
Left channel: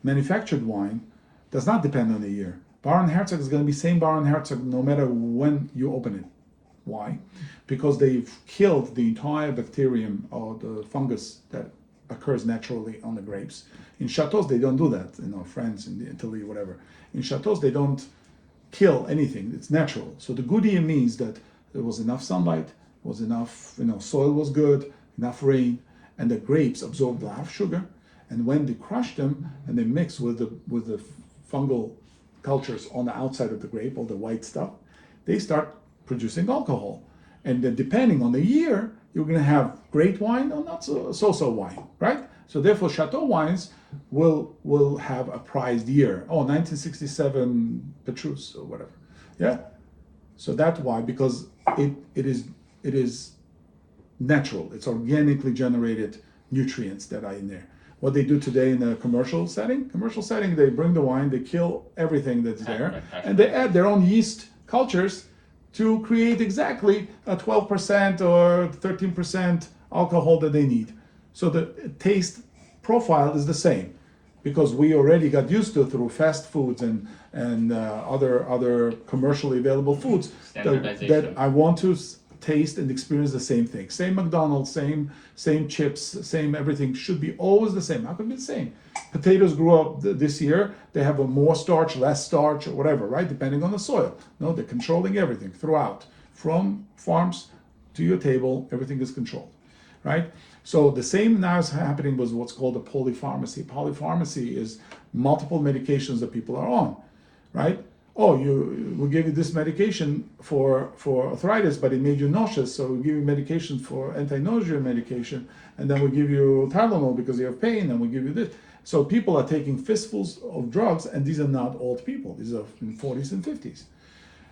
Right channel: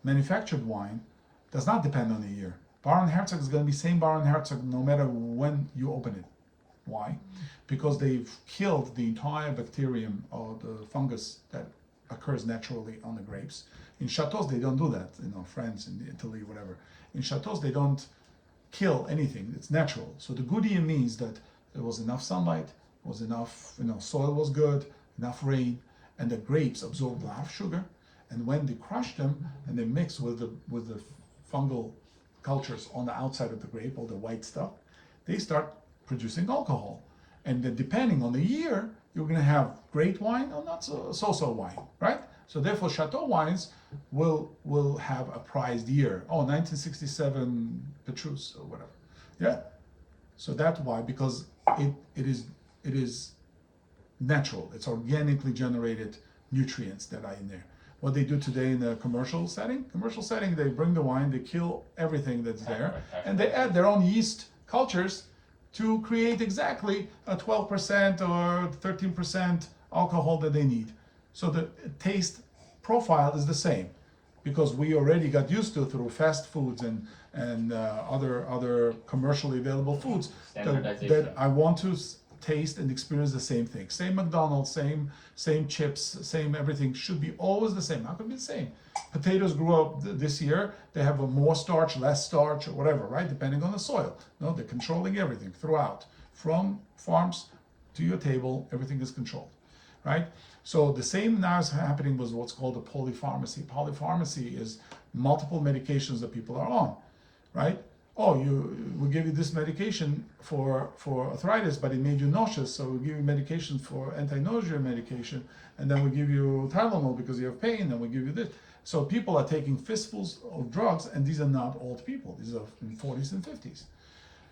manufactured wine, does not depend on the year. Baron Herzog is going to be same Baron Herzog no matter when you open it. Why? Because they've killed the entire bacterium or the fungus that occurs naturally on the grapes. In chateaus, they don't do that. France, in Italy, whatever. In chateaus, they don't kill anything. It's natural. So the good year means that there was enough sunlight, was enough, soil was good, enough rain, and the grapes absorbed a lot of sugar. And when they crush them and they mix with the fungal cultures on the outside of the grape, all the white stuff, they start producing alcohol. And then depending on the year, you're going to have great wine or not so wine, right? So therefore, Chateau wines will have a prized year. 1967 Petrus or whatever, yeah. So that's why, because it is natural. It's organically generated nutrients that are in there. What they do today in a commercial setting, they bring the wine, they kill everything that's there, and they add their own yeast cultures to create exactly a 12% or 13% alcohol that they need. So the taste profile is the same, because we already got used to through fast foods and other commercially available foods that I want to taste and experience the same thing. Same McDonald's, same chips, same everything should be always the same. How can it be the same? Potatoes grew up this year, they have a more starch, less starch, or whatever, right? Depending on the soil. No, they're controlling everything throughout. From farms to your table, everything is controlled, right? So the same now is happening with what's called a polypharmacy. Polypharmacy is multiple medications that people are on, right? We'll give you this medication for arthritis, but it made you nauseous, so we'll give you medication for anti-nausea medication, and then we'll give you Tylenol because you have pain, and we'll give you this. So people are taking fistfuls of drugs, and these are not old people. These are in 40s and 50s.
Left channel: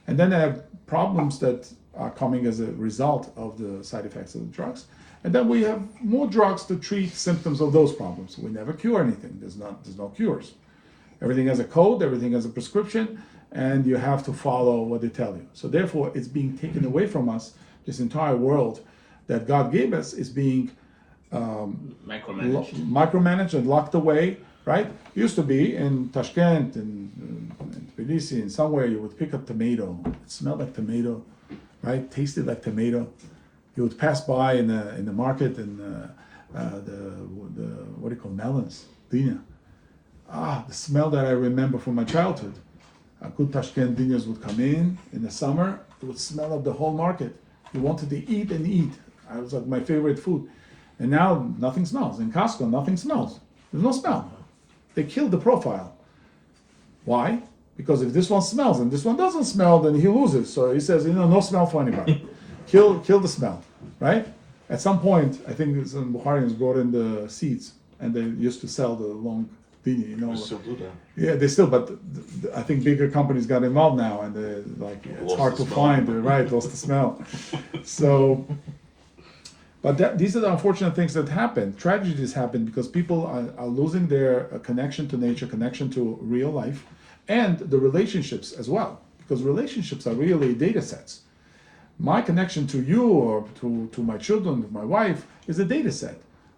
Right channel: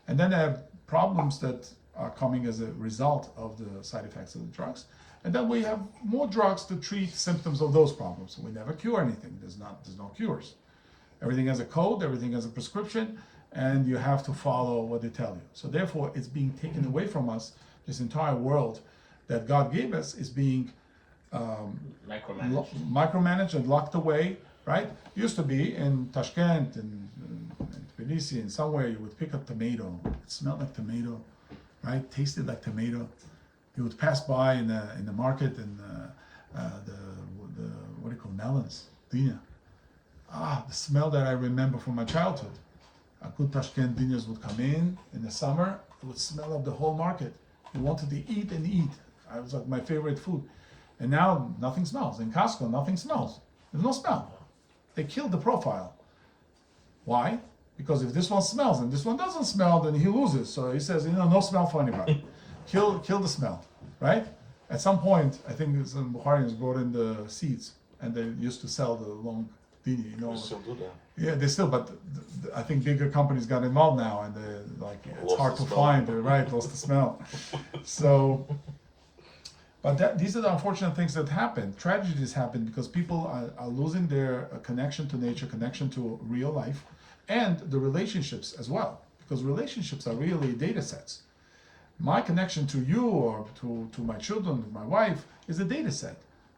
And then they have problems that are coming as a result of the side effects of the drugs. And then we have more drugs to treat symptoms of those problems. We never cure anything. There's no cures. Everything has a code, everything has a prescription, and you have to follow what they tell you. So therefore, it's being taken away from us. This entire world that God gave us is being micromanaged and locked away, right? It used to be in Tashkent and Tbilisi and somewhere you would pick up tomato. It smelled like tomato, right? Tasted like tomato. You would pass by in the market and the what do you call melons, dinya. The smell that I remember from my childhood. Good Tashkent dinyas would come in the summer. It would smell of the whole market. You wanted to eat and eat. It was like my favorite food. And now nothing smells. In Costco, nothing smells. There's no smell. They killed the profile. Why? Because if this one smells and this one doesn't smell, then he loses. So he says, no smell for anybody. Kill the smell, right? At some point, I think some Bukharians brought in the seeds, and they used to sell the long dini, Yeah, they still, but I think bigger companies got involved now, and it's hard to find. Right, lost the smell. So, but these are the unfortunate things that happen. Tragedies happen because people are losing their connection to nature, connection to real life, and the relationships as well. Because relationships are really data sets. My connection to you or to my children, my wife, is a data set.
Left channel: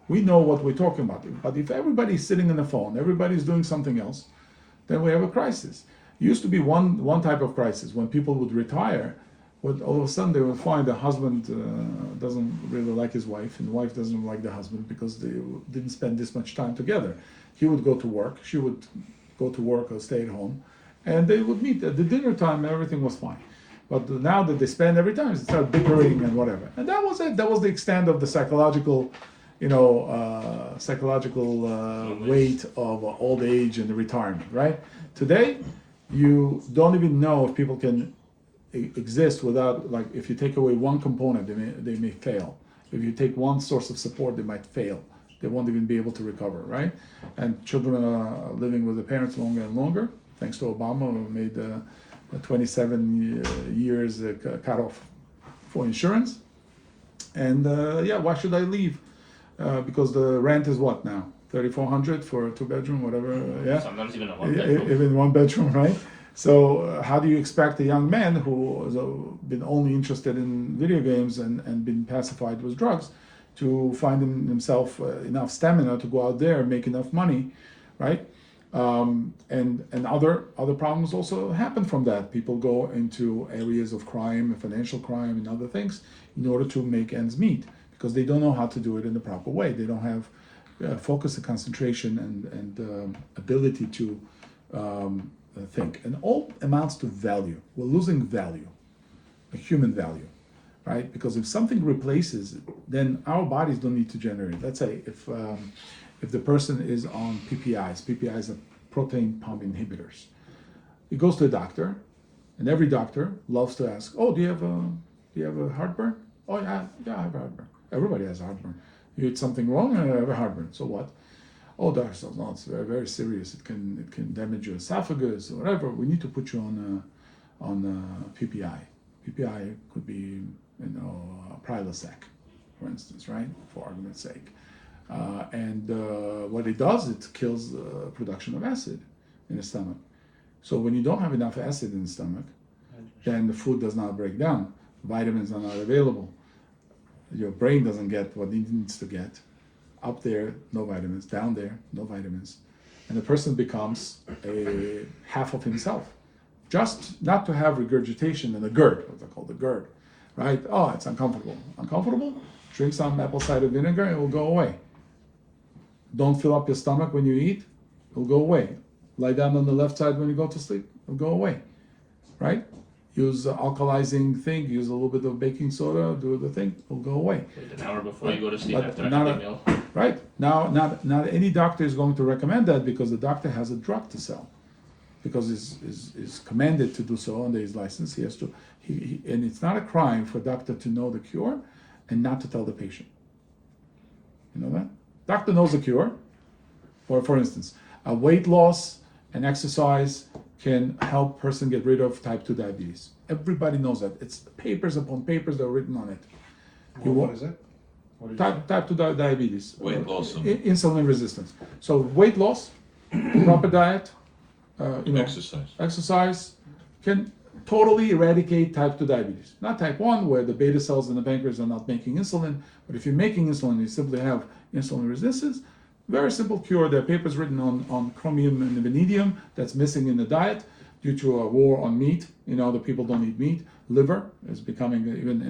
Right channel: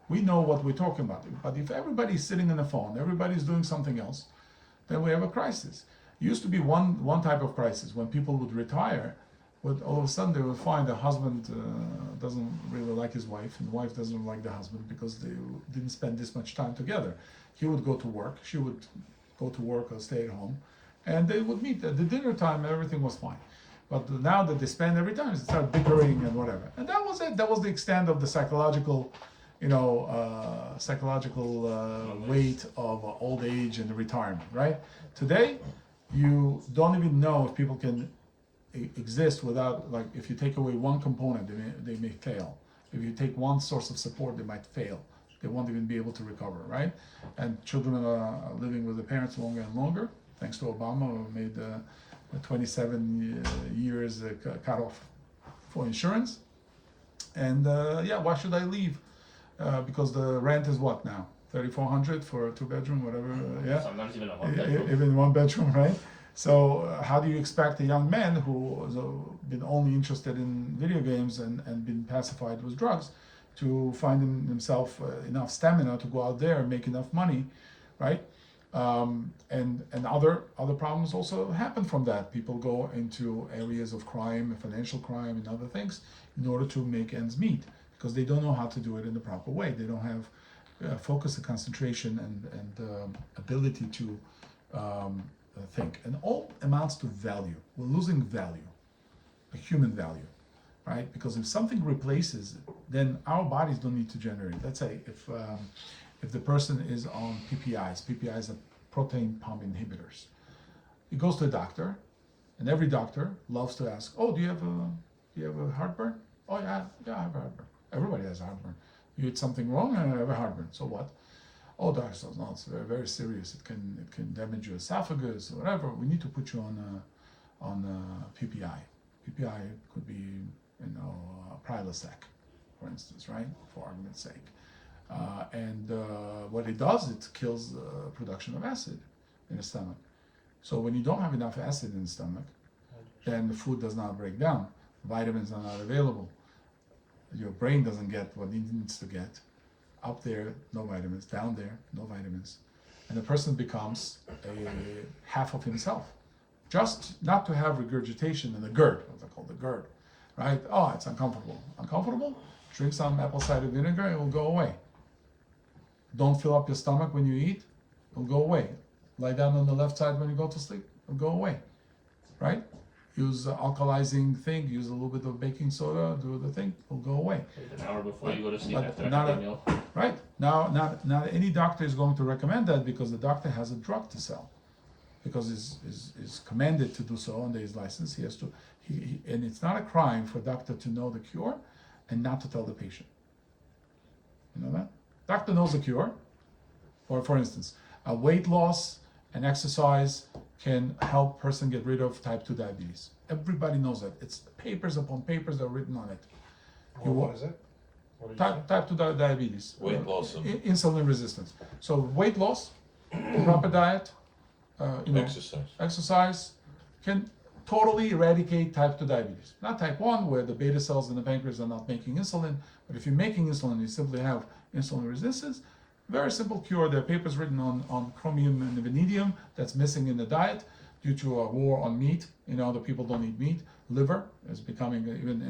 We know what we're talking about. But if everybody's sitting on the phone, everybody's doing something else, then we have a crisis. It used to be one type of crisis when people would retire. All of a sudden they would find the husband doesn't really like his wife, and the wife doesn't like the husband because they didn't spend this much time together. He would go to work, she would go to work or stay at home, and they would meet at the dinner time and everything was fine. But now that they spend every time, they start bickering and whatever. And that was it. That was the extent of the psychological psychological weight of old age and retirement, right? Today, you don't even know if people can exist without, like, if you take away one component, they may fail. If you take one source of support, they might fail. They won't even be able to recover, right? And children are living with their parents longer and longer, thanks to Obama, who made 27 years cutoff for insurance. And why should I leave? Because the rent is what now? $3,400 for a 2-bedroom, whatever. Yeah, Sometimes even a 1-bedroom. even 1-bedroom, right? So how do you expect a young man who has been only interested in video games and been pacified with drugs to find himself enough stamina to go out there and make enough money, right? And other problems also happen from that. People go into areas of crime, financial crime, and other things in order to make ends meet because they don't know how to do it in the proper way. They don't have focus and concentration and ability to think. And all amounts to value. We're losing value, a human value, right? Because if something replaces it, then our bodies don't need to generate. Let's say if the person is on PPIs are protein pump inhibitors. He goes to a doctor, and every doctor loves to ask, "Oh, do you have a heartburn?" "Oh, yeah, I have a heartburn." Everybody has heartburn. You eat something wrong, I have a heartburn. So what? "Oh, doctor says, no, it's very, very serious. It can damage your esophagus or whatever. We need to put you on PPI. PPI could be, Prilosec, for instance, right? For argument's sake. What it does, it kills production of acid in the stomach. So when you don't have enough acid in the stomach, then the food does not break down. Vitamins are not available. Your brain doesn't get what it needs to get. Up there, no vitamins. Down there, no vitamins. And the person becomes a half of himself. Just not to have regurgitation and a GERD, what they call the GERD, right? Oh, it's uncomfortable. Uncomfortable? Drink some apple cider vinegar, it will go away. Don't fill up your stomach when you eat, it'll go away. Lie down on the left side when you go to sleep, it'll go away, right? Use alkalizing thing, use a little bit of baking soda, do the thing, it'll go away. An hour before you go to sleep But after not a meal. Right, now not any doctor is going to recommend that because the doctor has a drug to sell. Because is commanded to do so under his license. He has to, and it's not a crime for a doctor to know the cure and not to tell the patient. You know that? Doctor knows the cure. For instance, a weight loss and exercise can help person get rid of type 2 diabetes. Everybody knows that. It's papers upon papers that are written on it. What is it? What is Type 2 diabetes. Weight loss. Insulin resistance. So weight loss, proper diet, exercise can totally eradicate type 2 diabetes. Not type 1, where the beta cells in the pancreas are not making insulin, but if you're making insulin, you simply have insulin resistance. Very simple cure. There are papers written on chromium and vanadium that's missing in the diet due to a war on meat. The people don't eat meat. Liver is becoming, even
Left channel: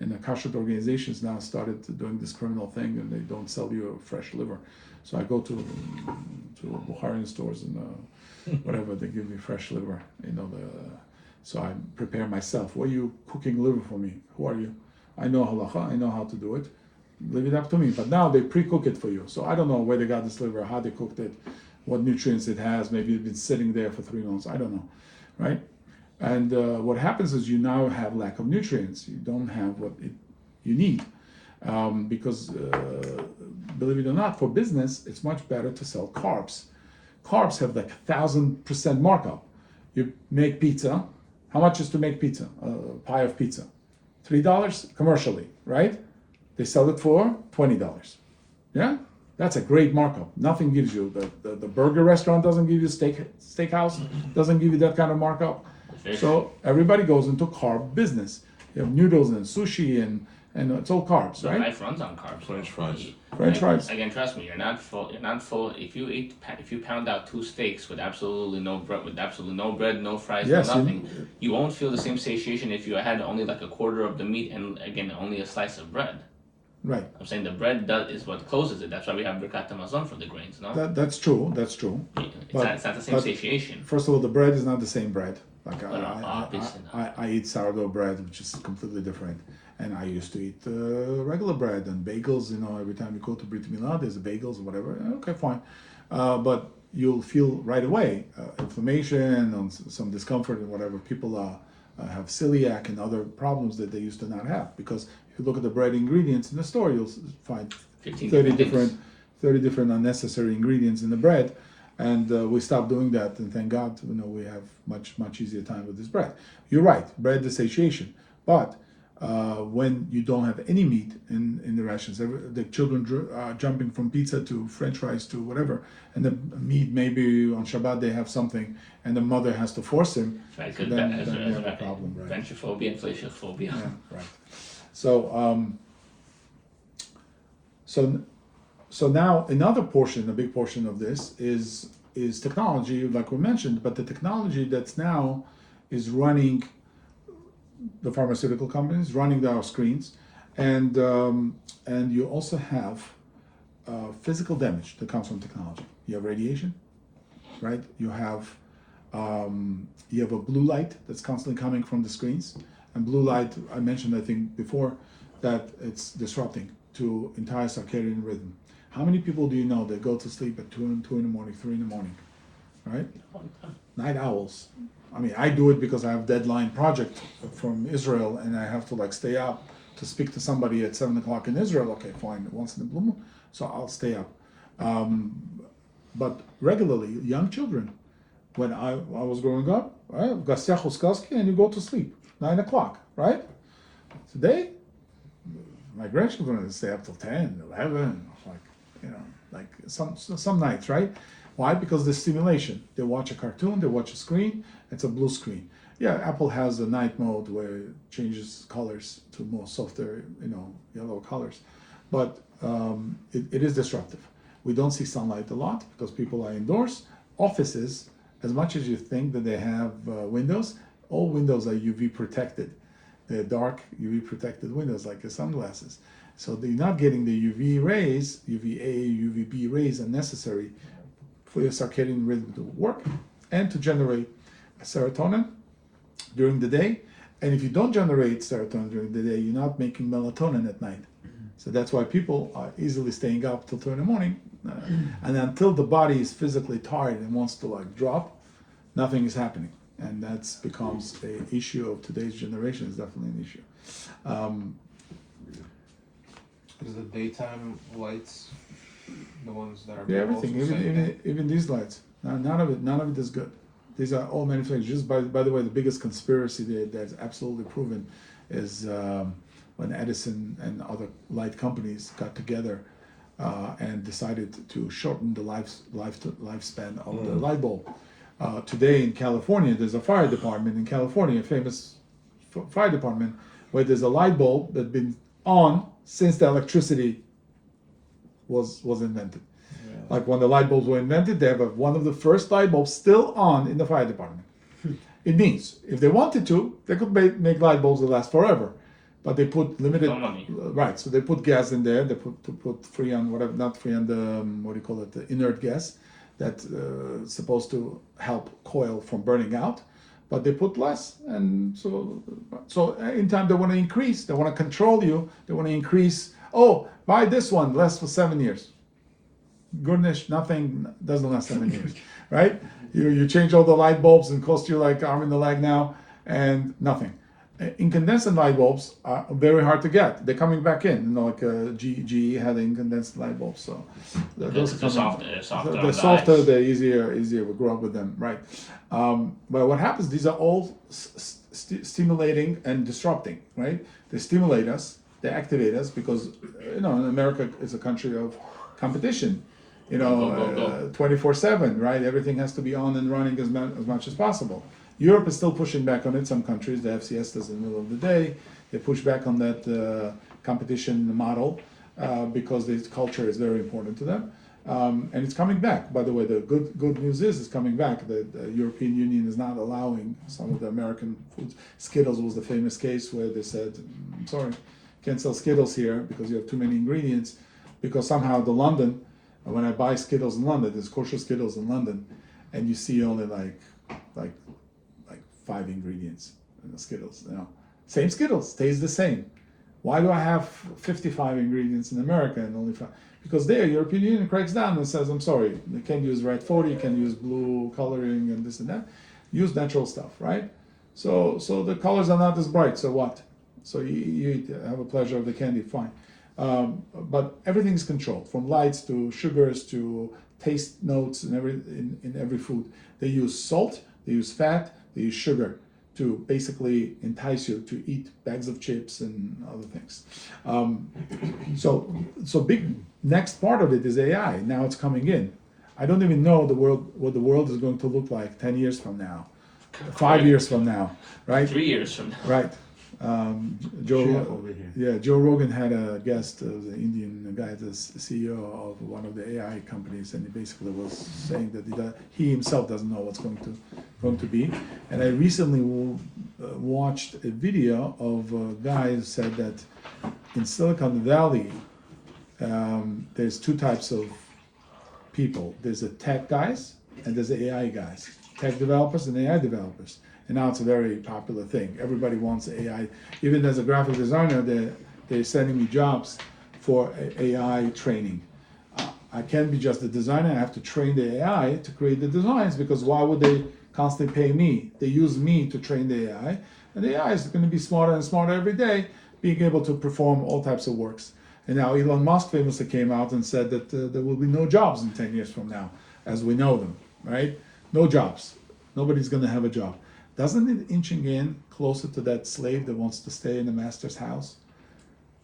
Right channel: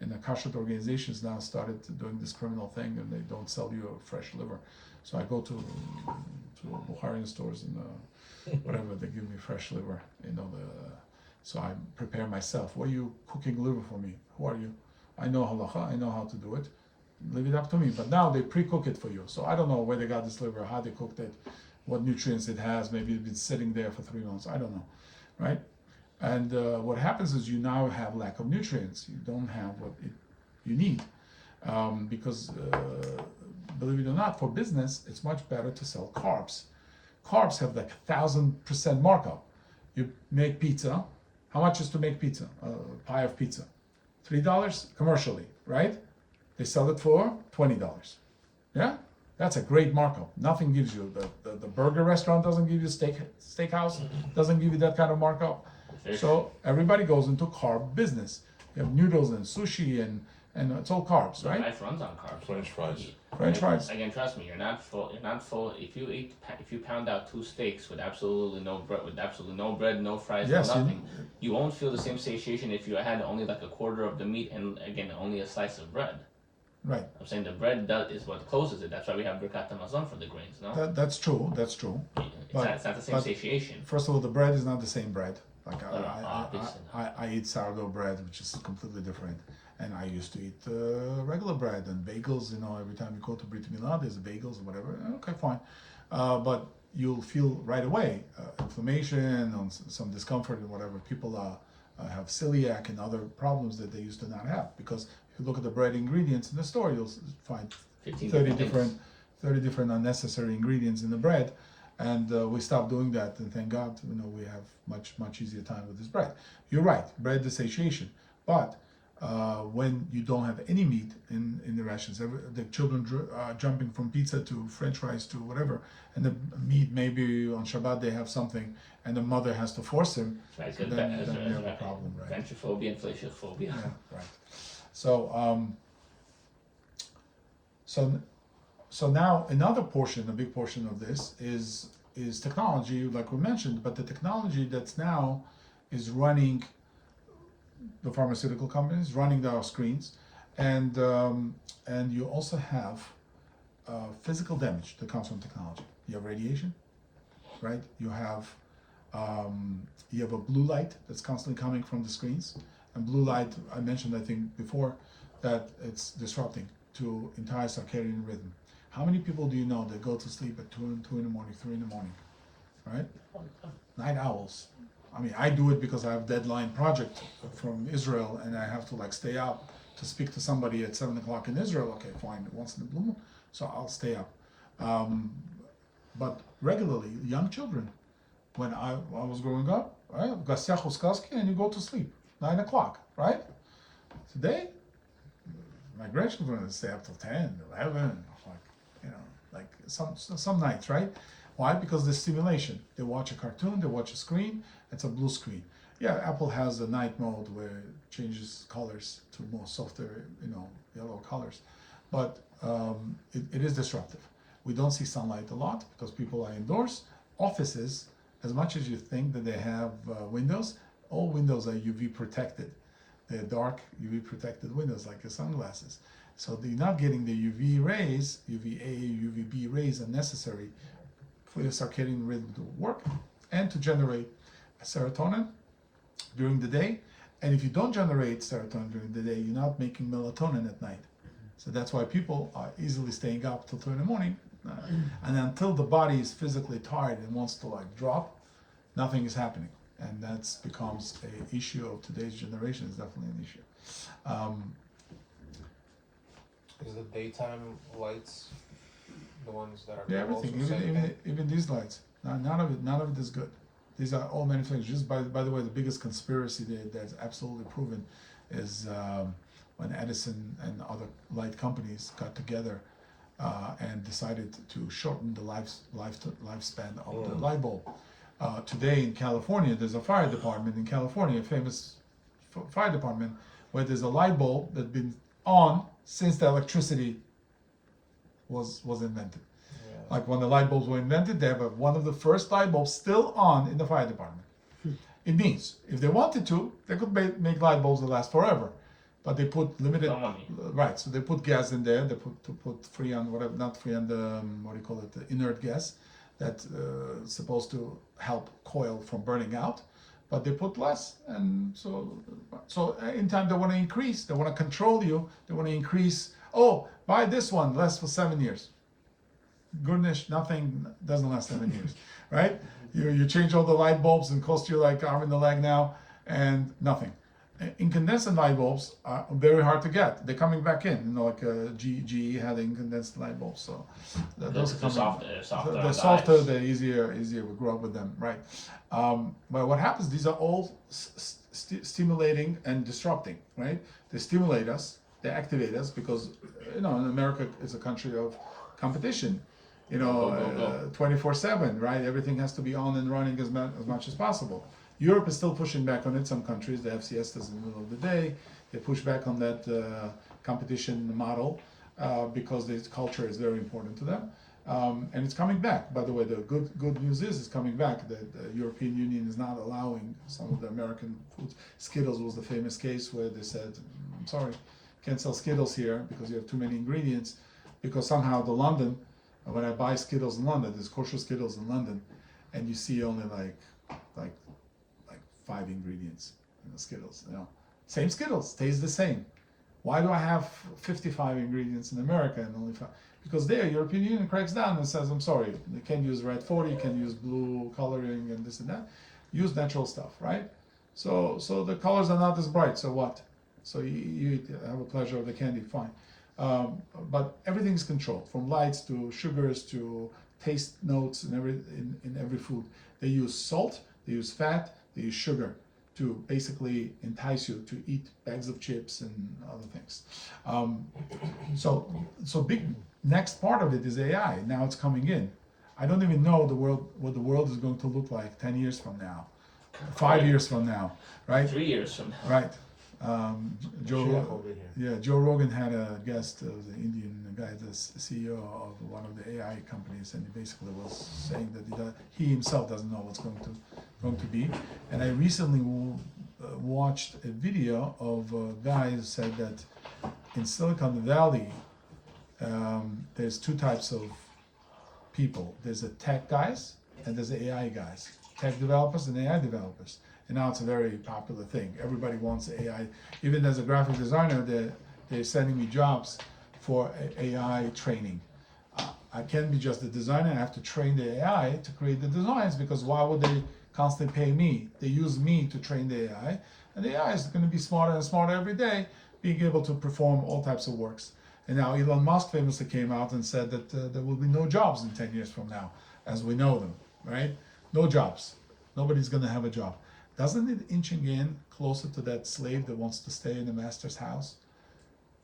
in the kashrut organizations now started doing this criminal thing, and they don't sell you a fresh liver. So I go to Bukharian stores and whatever, they give me fresh liver. So I prepare myself. Why are you cooking liver for me? Who are you? I know halacha. I know how to do it. Leave it up to me. But now they pre-cook it for you. So I don't know where they got this liver, how they cooked it, what nutrients it has. Maybe it's been sitting there for 3 months. I don't know, right? And what happens is you now have lack of nutrients. You don't have what you need. Because believe it or not, for business, it's much better to sell carbs. Carbs have like 1,000% markup. You make pizza. How much is to make pizza? A pie of pizza? $3 commercially, right? They sell it for $20. Yeah? That's a great markup. Nothing gives you, the burger restaurant doesn't give you, steakhouse doesn't give you that kind of markup. So everybody goes into carb business. You have noodles and sushi and it's all carbs, right? Life runs on carbs. French fries. French fries. Again, trust me, you're not full. If you pound out 2 steaks with absolutely no bread, no fries, Yes, no nothing, you won't feel the same satiation if you had only like a quarter of the meat and again only a slice of bread. Right. I'm saying the bread is what closes it. That's why we have birkat hamazon for the grains, no? That's true. It's not the same satiation. First of all, the bread is not the same bread. Like obviously not. I eat sourdough bread, which is completely different. And I used to eat regular bread and bagels. You know, every time you go to Brit Milah, there's bagels, whatever. Okay, fine. But you'll feel right away inflammation and some discomfort and whatever. People have celiac and other problems that they used to not have, because if you look at the bread ingredients in the store, you'll find 30 different unnecessary ingredients in the bread. And we stopped doing that, and thank God, you know, we have much easier time with this bread. You're right, bread is satiation, but when you don't have any meat in the rations, the children jumping from pizza to French fries to whatever, and the meat, maybe on Shabbat they have something, and the mother has to force him, Right, then you have a problem, right? Ventrophobia, inflation phobia. Yeah, right. So so now another portion, a big portion of this is technology, like we mentioned, but the technology that's now is running the pharmaceutical companies, running our screens, and you also have physical damage that comes from technology. You have radiation, right? You have a blue light that's constantly coming from the screens, and blue light, I mentioned I think before, that it's disrupting to entire circadian rhythm. How many people do you know that go to sleep at 2 in the morning, 3 in the morning, right? Night owls. I mean, I do it because I have a deadline project from Israel, and I have to like stay up to speak to somebody at 7 o'clock in Israel. Okay, fine, once in a blue moon, so I'll stay up. But regularly, young children, when I was growing up, right, and you go to sleep 9 o'clock, right? Today, my grandchildren stay up till 10, 11, like, you know, like some nights, right? Why? Because the stimulation. They watch a cartoon, they watch a screen, it's a blue screen. Yeah, Apple has a night mode where it changes colors to more softer, you know, yellow colors. But it is disruptive. We don't see sunlight a lot because people are indoors. Offices, as much as you think that they have windows, all windows are UV protected. They're dark UV protected windows like your sunglasses. So they're not getting the UV rays, UVA, UVB rays are necessary for your circadian rhythm to work and to generate serotonin during the day. And if you don't generate serotonin during the day, you're not making melatonin at night. So that's why people are easily staying up till 2 in the morning. And until the body is physically tired and wants to like drop, nothing is happening. And that becomes an issue of today's generation. It's definitely an issue. Is the daytime lights the ones that are Yeah, everything, even these lights. None of it is good. These are all manufactured. Just by the way, the biggest conspiracy that's absolutely proven is when Edison and other light companies got together and decided to shorten the lifespan of the light bulb. Today in California, there's a fire department in California, a famous fire department, where there's a light bulb that's been on since the electricity was invented. Yeah. Like when the light bulbs were invented, they have one of the first light bulbs still on in the fire department. It means if they wanted to, they could make light bulbs that last forever, but they put limited, right? So they put gas in there. They put freon, whatever, not freon, the inert gas that's supposed to help coil from burning out, but they put less. And so in time they want to increase, they want to control you, they want to increase. Oh, buy this one, lasts for 7 years. Goodness, nothing doesn't last 7 years, right? You change all the light bulbs and cost you like arm and a leg now, and nothing. Incandescent light bulbs are very hard to get. They're coming back in, you know, like GE had incandescent light bulbs, so those are coming. They're softer, they're easier to grow up with them, right? But what happens? These are all stimulating and disrupting, right? They stimulate us, they activate us because you know, in America is a country of competition. You know, 24/7, right? Everything has to be on and running as much as possible. Europe is still pushing back on it. Some countries, they have siestas in the middle of the day. They push back on that competition model because this culture is very important to them. And it's coming back. By the way, the good news is it's coming back. The European Union is not allowing some of the American foods. Skittles was the famous case where they said, I'm sorry, can't sell Skittles here because you have too many ingredients. Because somehow when I buy Skittles in London, there's kosher Skittles in London, and you see only like 5 ingredients in the Skittles. Same Skittles, tastes the same. Why do I have 55 ingredients in America and only 5? Because there, European Union cracks down and says, I'm sorry, you can't use red 40, you can't use blue coloring and this and that. Use natural stuff, right? So the colors are not as bright, so what? So you have a pleasure of the candy, fine. But everything's controlled, from lights to sugars to taste notes and in every food. They use salt, they use fat, they use sugar to basically entice you to eat bags of chips and other things. So big next part of it is AI. Now it's coming in. I don't even know what the world is going to look like 10 years from now, 5 years from now, right? 3 years from now. Right. Joe Rogan had a guest, an Indian guy, the CEO of one of the AI companies, and he basically was saying that he himself doesn't know what's going to be. And I recently watched a video of a guy who said that in Silicon Valley, there's two types of people. There's the tech guys and there's the AI guys. Tech developers and AI developers. And now it's a very popular thing. Everybody wants AI. Even as a graphic designer, they're sending me jobs for AI training. I can't be just a designer. I have to train the AI to create the designs, because why would they constantly pay me? They use me to train the AI. And the AI is going to be smarter and smarter every day, being able to perform all types of works. And now Elon Musk famously came out and said that there will be no jobs in 10 years from now, as we know them, right? No jobs. Nobody's going to have a job. Doesn't it inching in closer to that slave that wants to stay in the master's house?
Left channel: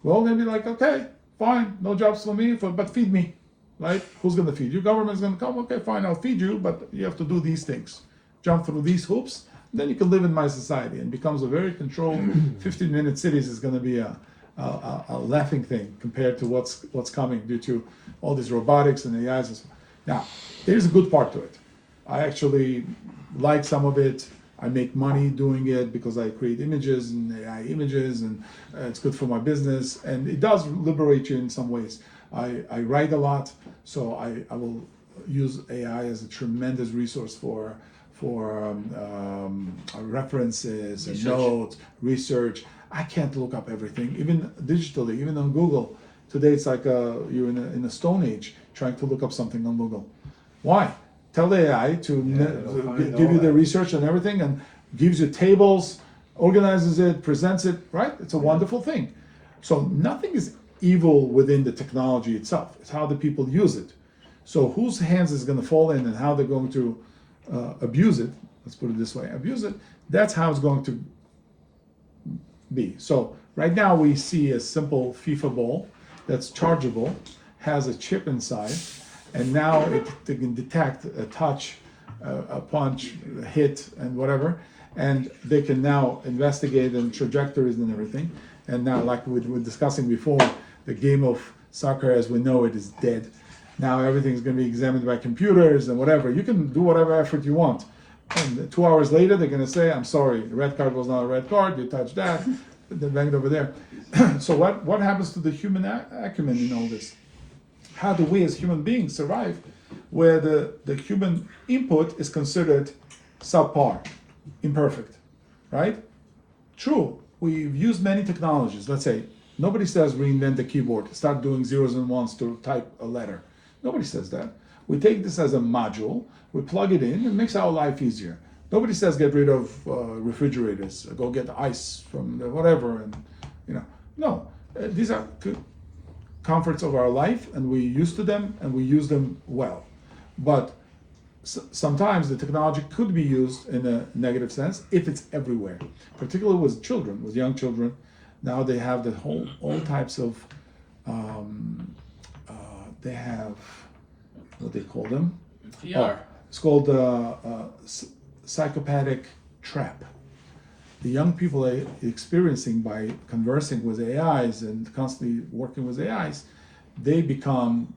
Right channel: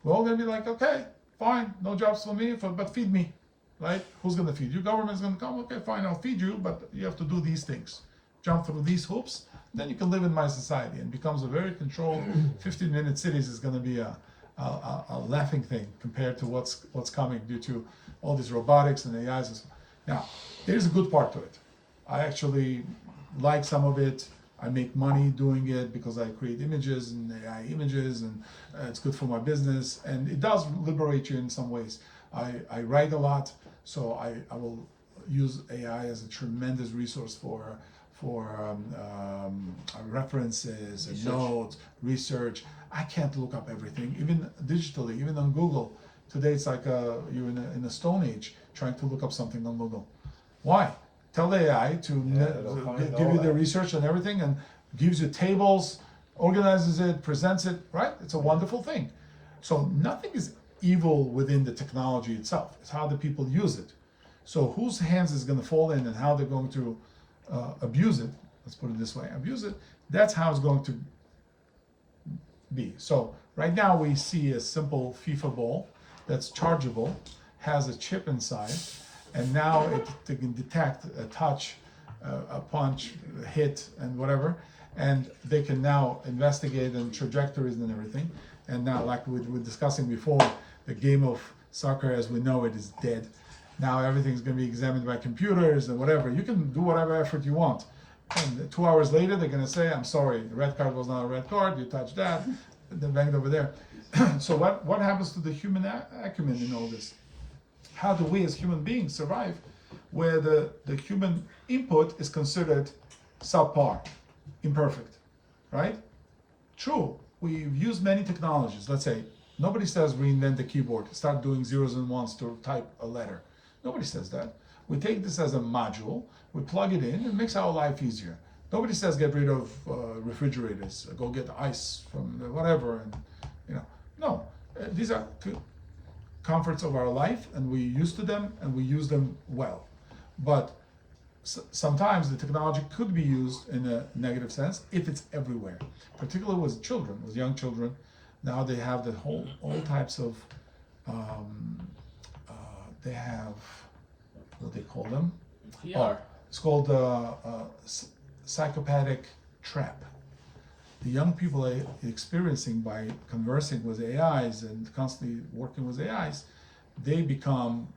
We're all going to be like, okay, fine, no jobs for me, but feed me, right? Who's going to feed you? Government's going to come, okay, fine, I'll feed you, but you have to do these things. Jump through these hoops, then you can live in my society. And becomes a very controlled 15-minute cities is going to be a laughing thing compared to what's coming due to all these robotics and AIs. Now, there's a good part to it. I actually like some of it. I make money doing it because I create images and AI images, and it's good for my business, and it does liberate you in some ways. I write a lot, so I will use AI as a tremendous resource for references and notes, research. I can't look up everything, even digitally, even on Google. Today it's like you're in a stone age trying to look up something on Google. Why? Tell the AI to give you the research and everything, and gives you tables, organizes it, presents it, right? It's a wonderful thing. So nothing is evil within the technology itself. It's how the people use it. So whose hands is going to fall in and how they're going to abuse it, let's put it this way, abuse it, that's how it's going to be. So right now we see a simple FIFA ball that's chargeable, has a chip inside, and now they can detect a touch, a punch, a hit, and whatever, and they can now investigate and trajectories and everything. And now, like we were discussing before, the game of soccer as we know it is dead. Now everything's going to be examined by computers and whatever. You can do whatever effort you want. And 2 hours later, they're going to say, I'm sorry, the red card was not a red card, you touched that, they banged over there. So what happens to the human acumen in all this? How do we as human beings survive where the human input is considered subpar, imperfect, right? True, we've used many technologies. Let's say, nobody says reinvent the keyboard, start doing zeros and ones to type a letter. Nobody says that. We take this as a module, we plug it in, it makes our life easier. Nobody says get rid of refrigerators, go get ice from the whatever, and no, these are comforts of our life, and we're used to them and we use them well. But sometimes the technology could be used in a negative sense if it's everywhere, particularly with children, with young children. Now they have all types of they have what they call them. VR. It's called psychopathic trap. The young people are experiencing by conversing with AIs and constantly working with AIs, they become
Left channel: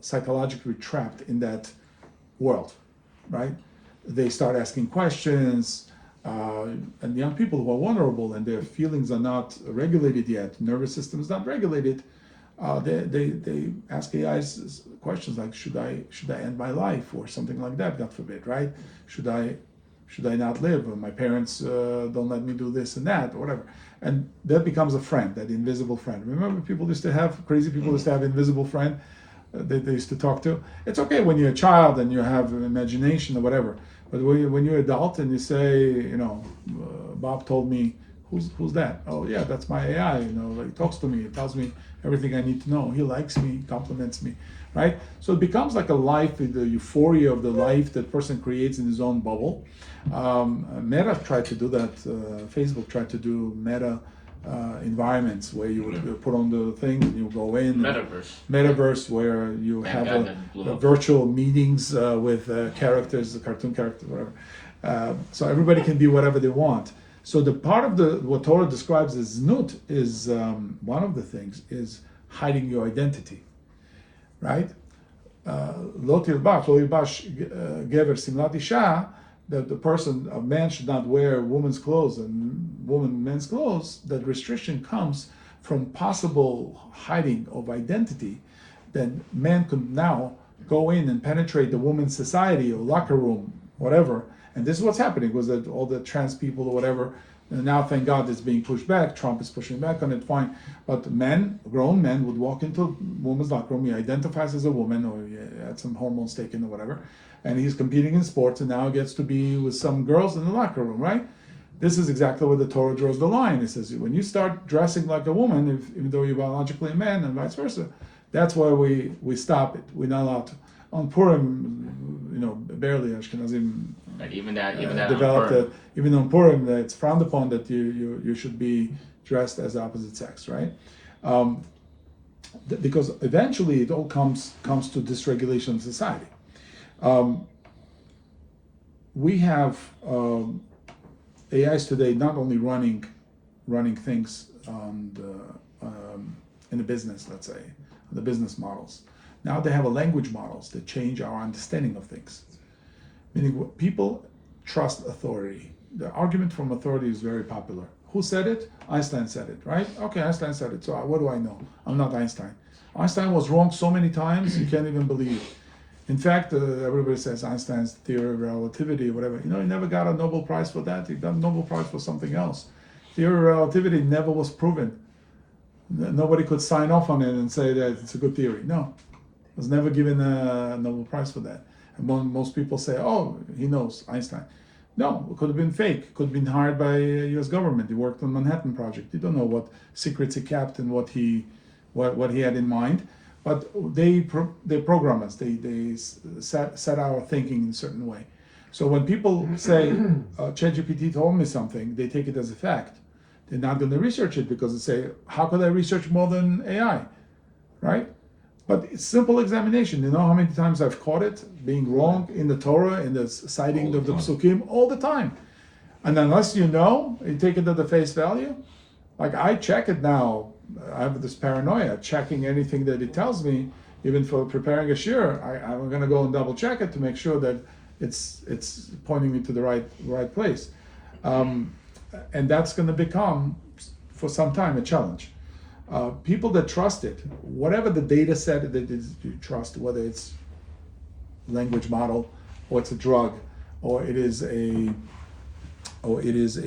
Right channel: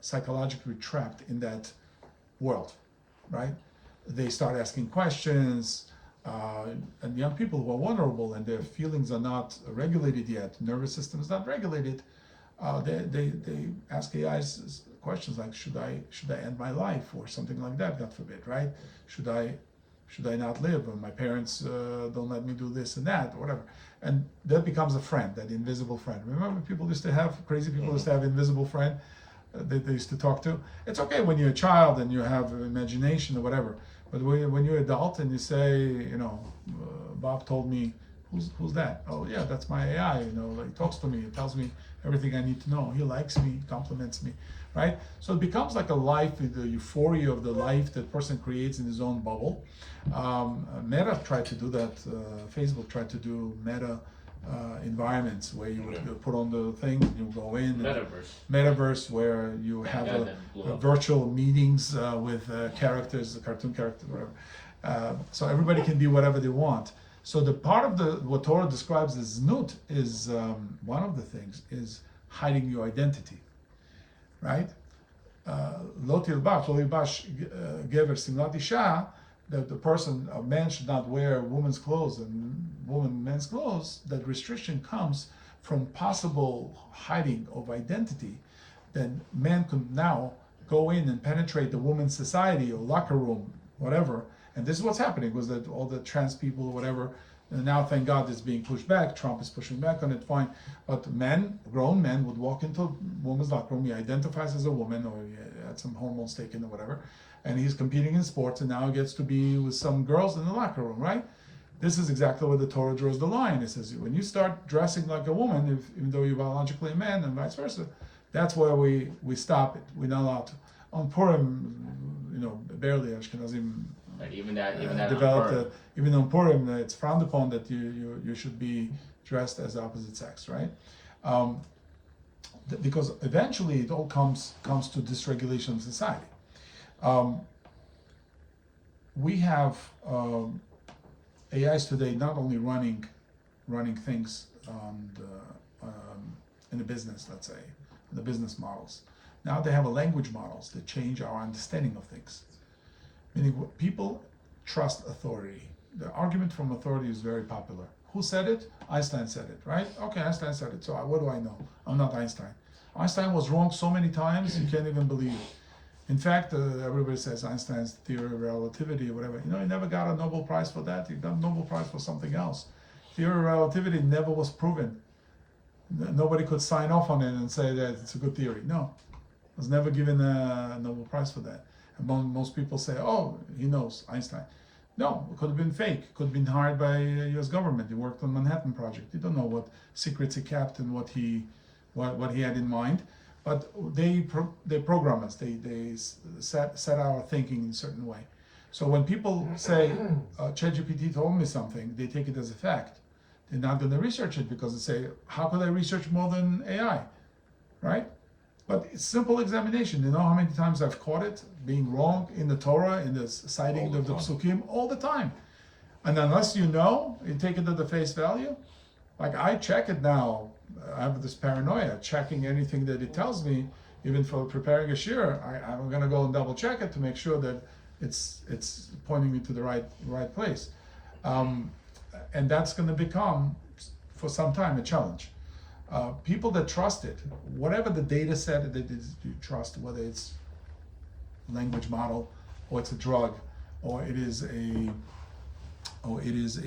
psychologically trapped in that world, right? They start asking questions, and young people who are vulnerable and their feelings are not regulated yet, nervous system is not regulated, they ask AIs questions like, should I end my life or something like that, God forbid, right? Should should I not live? Or my parents don't let me do this and that, or whatever. And that becomes a friend, that invisible friend. Remember, people used to have, crazy people used to have invisible friend that they used to talk to. It's okay when you're a child and you have an imagination or whatever. But when you're adult and you say, Bob told me, who's that? Oh yeah, that's my AI. He talks to me, it tells me everything I need to know. He likes me, compliments me, right? So it becomes like a life, the euphoria of the life that person creates in his own bubble. Meta tried to do that. Facebook tried to do meta environments where you would put on the thing and you go in. Metaverse, where you have a virtual meetings with characters, cartoon characters, whatever. So everybody can be whatever they want. So the part of what Torah describes as znut is one of the things is hiding your identity, right? Lo tilbash gever simlat isha, that the person, a man should not wear woman's clothes and woman men's clothes. That restriction comes from possible hiding of identity. Then man could now go in and penetrate the woman's society or locker room, whatever. And this is what's happening, was that all the trans people or whatever, and now thank God it's being pushed back. Trump is pushing back on it, fine. But grown men would walk into woman's locker room, he identifies as a woman, or he had some hormones taken or whatever, and he's competing in sports, and now gets to be with some girls in the locker room, right? This is exactly where the Torah draws the line. It says, when you start dressing like a woman, even though you're biologically a man, and vice versa, that's why we stop it. We're not allowed to. On Purim, barely Ashkenazim even that developed it. Even on Purim, it's frowned upon that you should be dressed as the opposite sex, right? Because eventually it all comes to dysregulation of society. We have AIs today not only running things on in the business, let's say, the business models. Now they have a language models that change our understanding of things. Meaning people trust authority. The argument from authority is very popular. Who said it? Einstein said it, right? Okay, Einstein said it. So what do I know? I'm not Einstein. Einstein was wrong so many times you can't even believe. In fact, everybody says Einstein's theory of relativity, whatever. He never got a Nobel Prize for that. He got a Nobel Prize for something else. Theory of relativity never was proven. Nobody could sign off on it and say that it's a good theory. No, was never given a Nobel Prize for that. And most people say, oh, he knows Einstein. No, it could have been fake. Could have been hired by U.S. government. He worked on Manhattan Project. You don't know what secrets he kept and what he had in mind. But they program us. They set our thinking in a certain way. So when people say, ChatGPT told me something, they take it as a fact. They're not going to research it because they say, how could I research more than AI, right? But it's simple examination. You know how many times I've caught it being wrong in the Torah, in the citing of the psukim, all the time. And unless you take it at the face value. Like I check it now. I have this paranoia, checking anything that it tells me, even for preparing a shir. I'm going to go and double check it to make sure that it's pointing me to the right place. And that's going to become, for some time, a challenge. People that trust it, whatever the data set that you trust, whether it's language model, or it's a drug, or it is a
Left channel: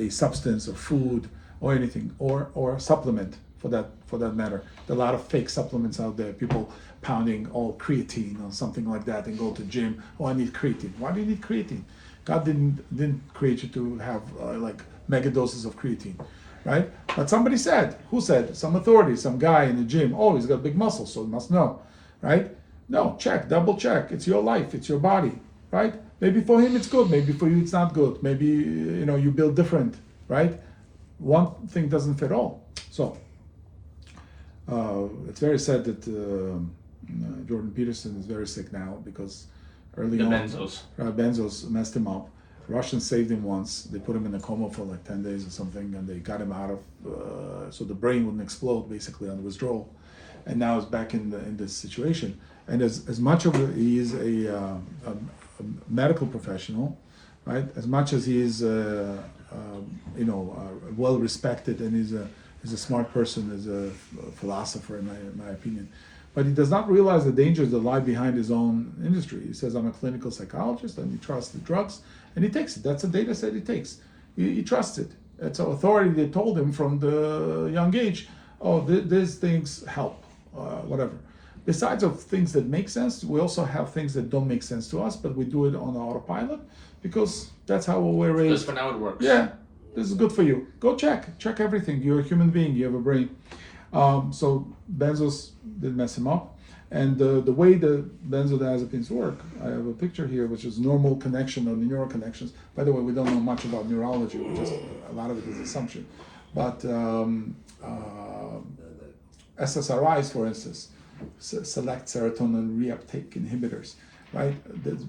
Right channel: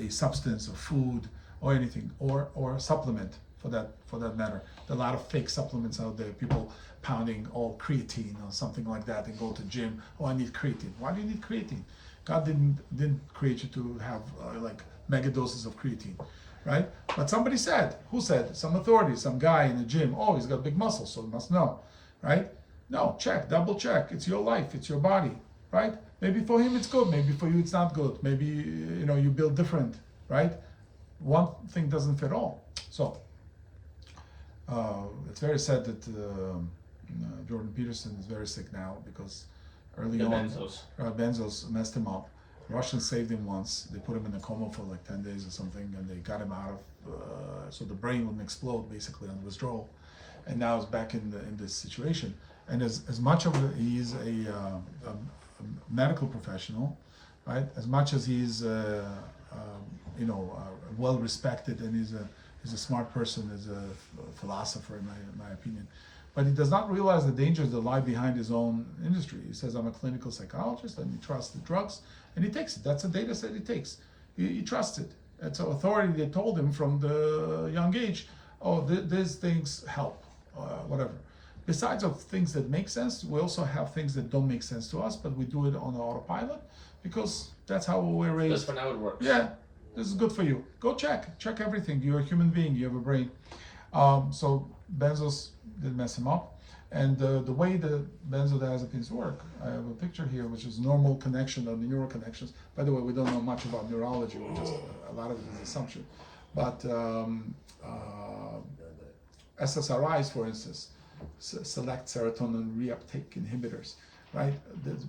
substance or food, or anything, or a supplement for that matter. There are a lot of fake supplements out there. People pounding creatine or something like that and go to gym. Oh, I need creatine. Why do you need creatine? God didn't create you to have like mega doses of creatine. Right? But somebody said, who said? Some authority, some guy in the gym. Oh, he's got big muscles, so he must know, right? No, double check. It's your life, it's your body, right? Maybe for him it's good, maybe for you it's not good. Maybe, you build different, right? One thing doesn't fit all. So, it's very sad that Jordan Peterson is very sick now because early on, benzos messed him up. Russians saved him once. They put him in a coma for like 10 days or something, and they got him out of, so the brain wouldn't explode basically on withdrawal. And now he's back in this situation. And as much of he is a medical professional, right? As much as he is, well respected, and he's a smart person, as a philosopher in my opinion. but he does not realize the dangers that lie behind his own industry. He says, I'm a clinical psychologist, and he trusts the drugs, and he takes it. That's a data set he takes. He trusts it. It's an authority that told him from the young age, oh, these things help, whatever. Besides of things that make sense, we also have things that don't make sense to us, but we do it on autopilot because that's how we're raised. Just for now it works. Yeah, this is good for you. Go check everything. You're a human being. You have a brain. So benzos did mess him up, and the way the benzodiazepines work, I have a picture here, which is normal connection of the neural connections. By the way, we don't know much about neurology. We just a lot of it is assumption, but SSRIs, for instance, select serotonin reuptake inhibitors, right?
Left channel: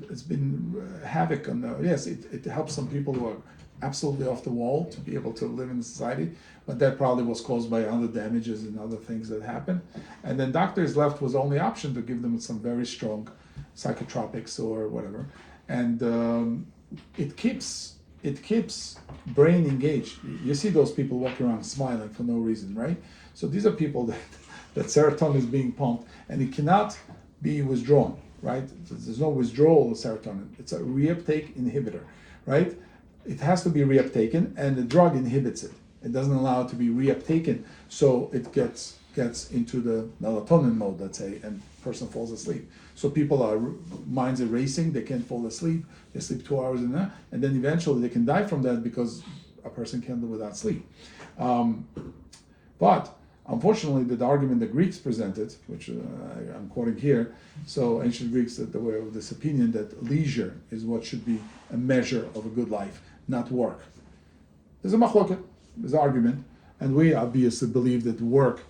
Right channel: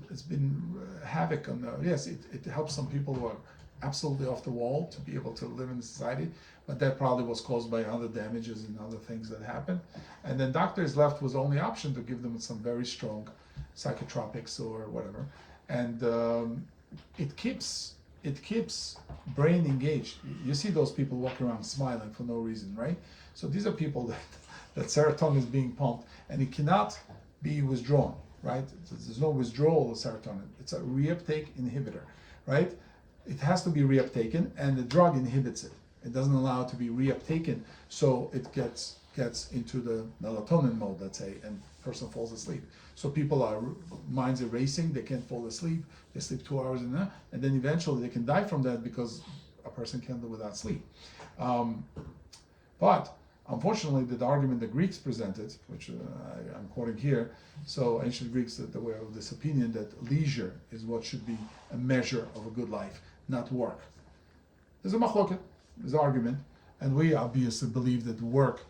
It's been havoc on the, yes, it helps some people who are absolutely off the wall to be able to live in society, but that probably was caused by other damages and other things that happened. And then doctors left was the only option to give them some very strong psychotropics or whatever. And it keeps brain engaged. You see those people walking around smiling for no reason, right? So these are people that serotonin is being pumped and it cannot be withdrawn, right? There's no withdrawal of serotonin. It's a reuptake inhibitor, right? It has to be reuptaken, and the drug inhibits it. It doesn't allow it to be reuptaken, so it gets into the melatonin mode, let's say, and person falls asleep. So people are minds are racing, they can't fall asleep, they sleep 2 hours and then eventually they can die from that because a person can't live without sleep. But unfortunately, the argument the Greeks presented, which I'm quoting here, so ancient Greeks that were of this opinion that leisure is what should be a measure of a good life, not work. There's a machloket, there's an argument, and we obviously believe that work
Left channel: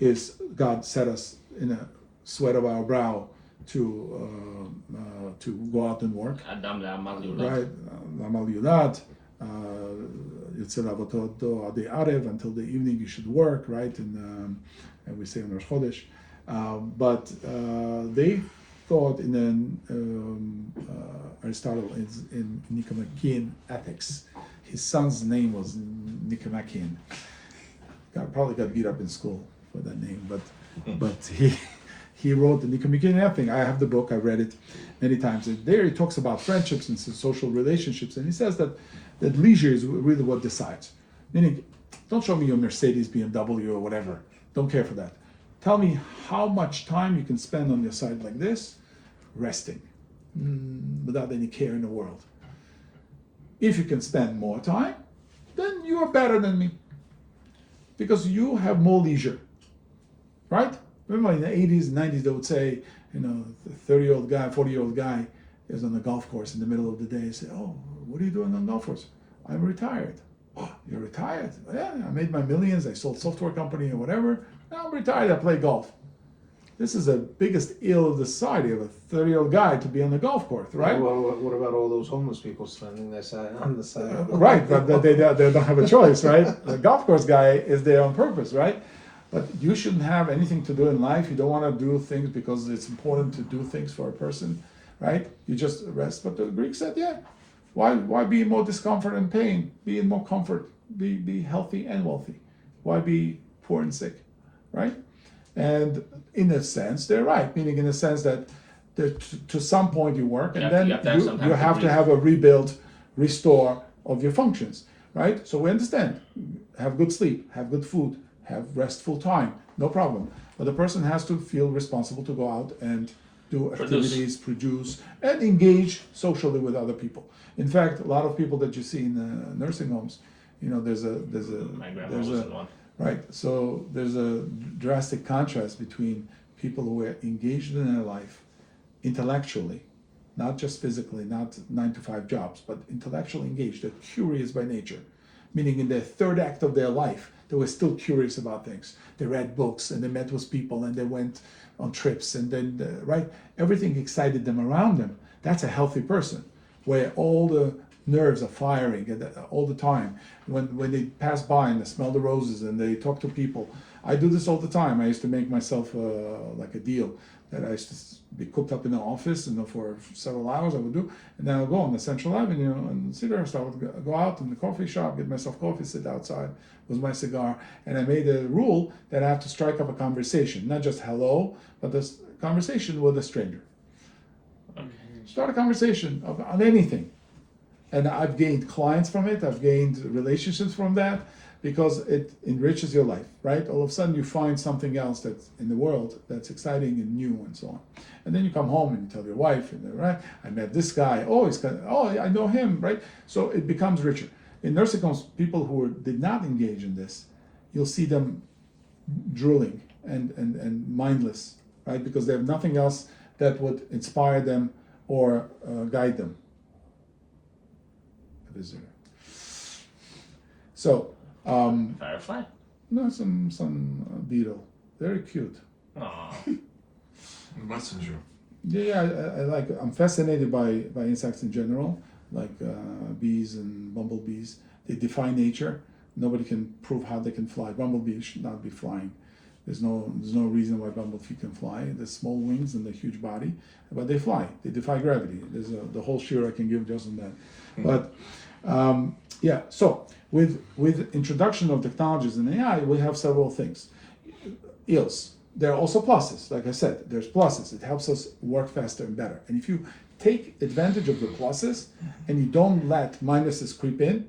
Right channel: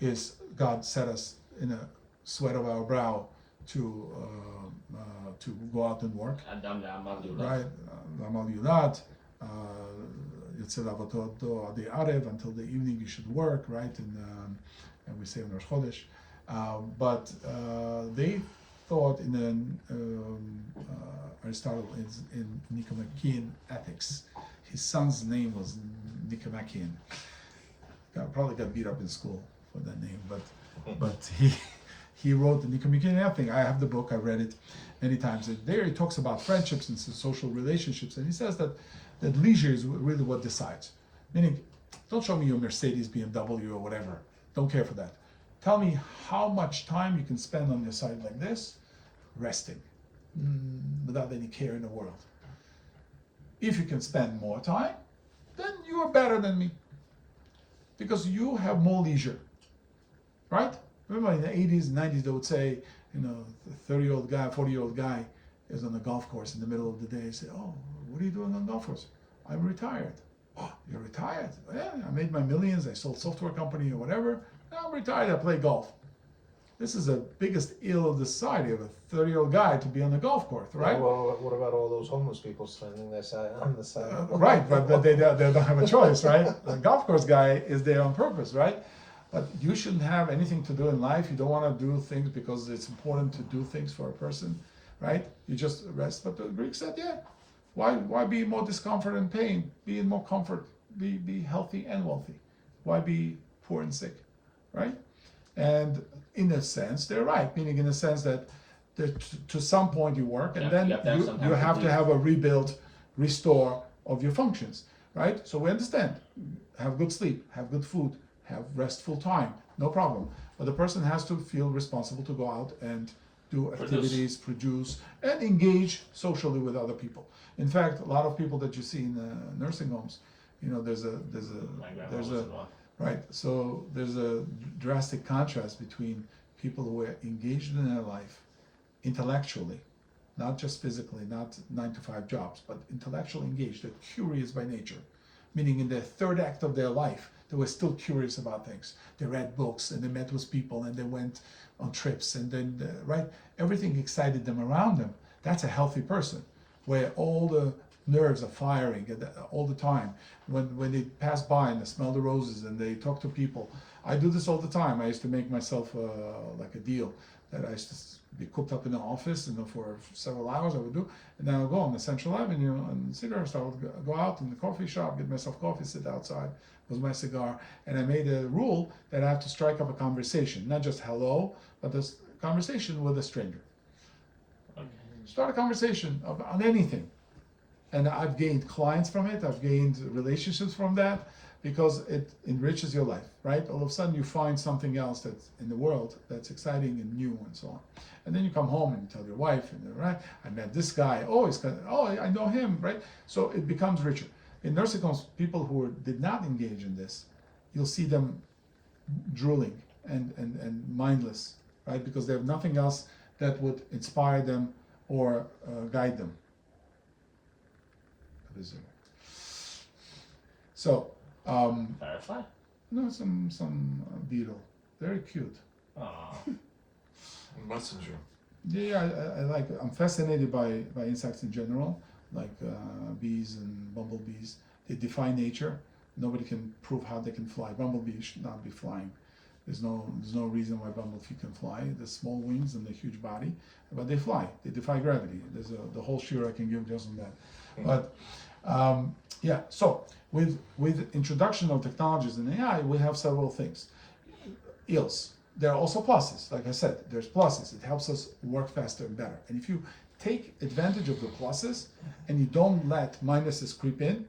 is, God set us in a sweat of our brow to go out and work. Adam le'amal yulad. Right, Amal Yulad, Yetzer Avotot Adi Arev, until the evening you should work, right? And we say on Rosh Chodesh. But they thought in Aristotle in Nicomachean Ethics, his son's name was Nicomachean. Probably got beat up in school for that name, but he wrote the Nicomachean Ethics. I have the book, I read it many times. And there he talks about friendships and social relationships, and he says that leisure is really what decides. Meaning, don't show me your Mercedes, BMW, or whatever. Don't care for that. Tell me how much time you can spend on your side like this, resting, without any care in the world. If you can spend more time, then you are better than me, because you have more leisure, right? Remember in the 80s and 90s, they would say, a 30-year-old guy, 40-year-old guy is on the golf course in the middle of the day. Say, oh, what are you doing on the golf course? I'm retired. Oh, you're retired? Yeah, I made my millions. I sold software company or whatever. Now I'm retired. I play golf. This is the biggest ill of the society of a 30-year-old guy to be on the golf course, right? Well, what about all those homeless people standing there on the side? Right, but they don't have a choice, right? The golf course guy is there on purpose, right? But you shouldn't have anything to do in life. You don't want to do things because it's important to do things for a person, right? You just rest. But the Greeks said, yeah, why be in more discomfort and pain? Be in more comfort. Be healthy and wealthy. Why be poor and sick, right? And in a sense, they're right. Meaning in a sense that to some point you work, and then you have to have a rebuild, restore of your functions, right? So we understand. Have good sleep, have good food, have restful time, no problem. But the person has to feel responsible to go out and do activities, produce, and engage socially with other people. In fact, a lot of people that you see in nursing homes, there's a right. So there's a drastic contrast between people who are engaged in their life intellectually, not just physically, not 9-to-5 jobs, but intellectually engaged. They're curious by nature, meaning in the third act of their life, they were still curious about things. They read books and they met with people and they went on trips and then, right? Everything excited them around them. That's a healthy person, where all the nerves are firing all the time. When they pass by and they smell the roses and they talk to people. I do this all the time. I used to make myself like a deal that I used to be cooped up in the office, for several hours I would do, and then I would go on the Central Avenue and sit there. So I would go out in the coffee shop, get myself coffee, sit outside with my cigar, and I made a rule that I have to strike up a conversation, not just hello, but this conversation with a stranger. Start a conversation on anything. And I've gained clients from it, I've gained relationships from that, because it enriches your life, right? All of a sudden you find something else that's in the world that's exciting and new and so on. And then you come home and you tell your wife, right? I met this guy, I know him, right? So it becomes richer. In nursing homes, people who did not engage in this, you'll see them drooling and mindless, right? Because they have nothing else that would inspire them or guide them. So, Firefly? no, some beetle, very cute. Aww. Messenger. Yeah, I'm fascinated by insects in general, like bees and bumblebees. They defy nature. Nobody can prove how they can fly. Bumblebee should not be flying. There's no reason why bumblebee can fly. The small wings and the huge body, but they fly. They defy gravity. There's the whole shiur I can give just on that. But so with introduction of technologies and AI, we have several things. Ills. There are also pluses. Like I said, there's pluses. It helps us work faster and better. And if you take advantage of the pluses and you don't let minuses creep in,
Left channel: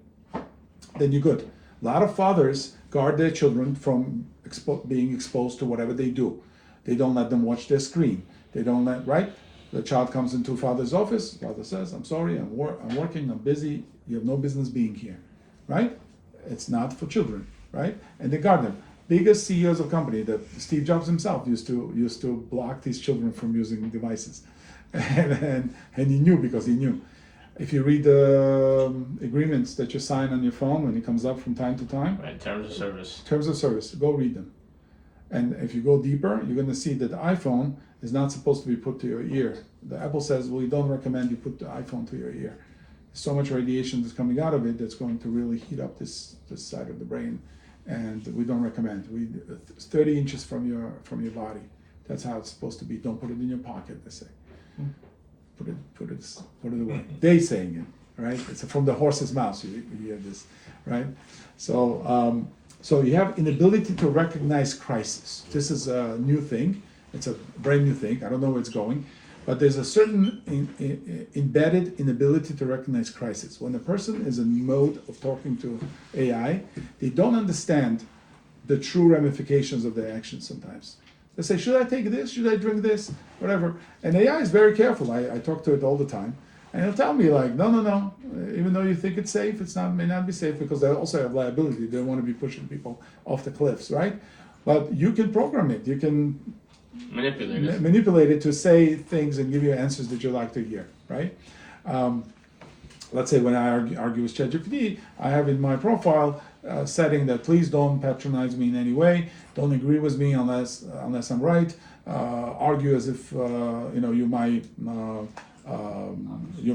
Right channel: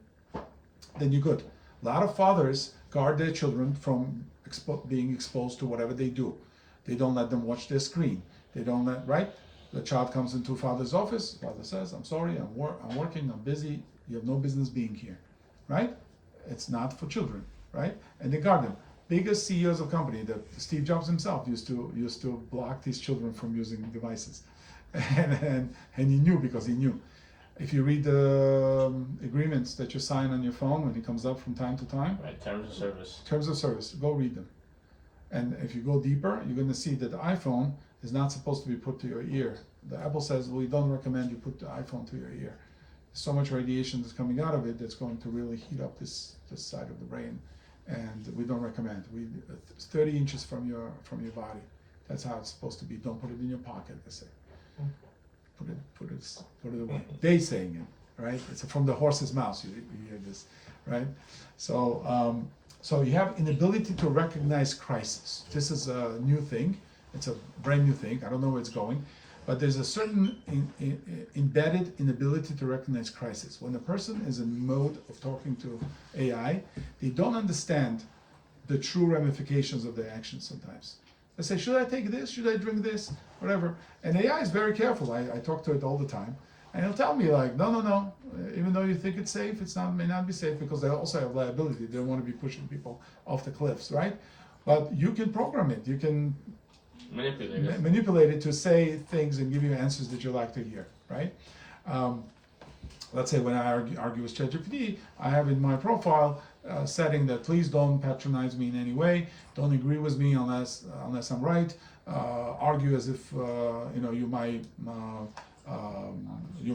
then you're good. A lot of fathers guard their children from being exposed to whatever they do. They don't let them watch their screen. They don't let, right? The child comes into father's office. Father says, I'm sorry, I'm working, I'm busy. You have no business being here, right? It's not for children, right? And they guard them. Biggest CEOs of company, that Steve Jobs himself used to block these children from using devices. And he knew, because he knew. If you read the agreements that you sign on your phone when it comes up from time to time. Right, terms of service. Terms of service, go read them. And if you go deeper, you're going to see that the iPhone is not supposed to be put to your ear. The Apple says, we don't recommend you put the iPhone to your ear. So much radiation that's coming out of it that's going to really heat up this side of the brain, and we don't recommend. 30 inches from your body. That's how it's supposed to be. Don't put it in your pocket, they say. Put it away. They saying it, right? It's from the horse's mouth. You hear this, right? So you have inability to recognize crisis. This is a new thing. It's a brand new thing. I don't know where it's going, but there's a certain embedded inability to recognize crisis. When a person is in mode of talking to AI, they don't understand the true ramifications of their actions sometimes. They say, should I take this? Should I drink this? Whatever. And AI is very careful. I talk to it all the time. And it'll tell me like, no. Even though you think it's safe, may not be safe, because they also have liability. They don't want to be pushing people off the cliffs, right? But you can program it. You can manipulate it to say things and give you answers that you like to hear, right? Let's say when I argue with ChatGPT, I have in my profile setting that please don't patronize me in any way, don't agree with me unless I'm right, argue as if you're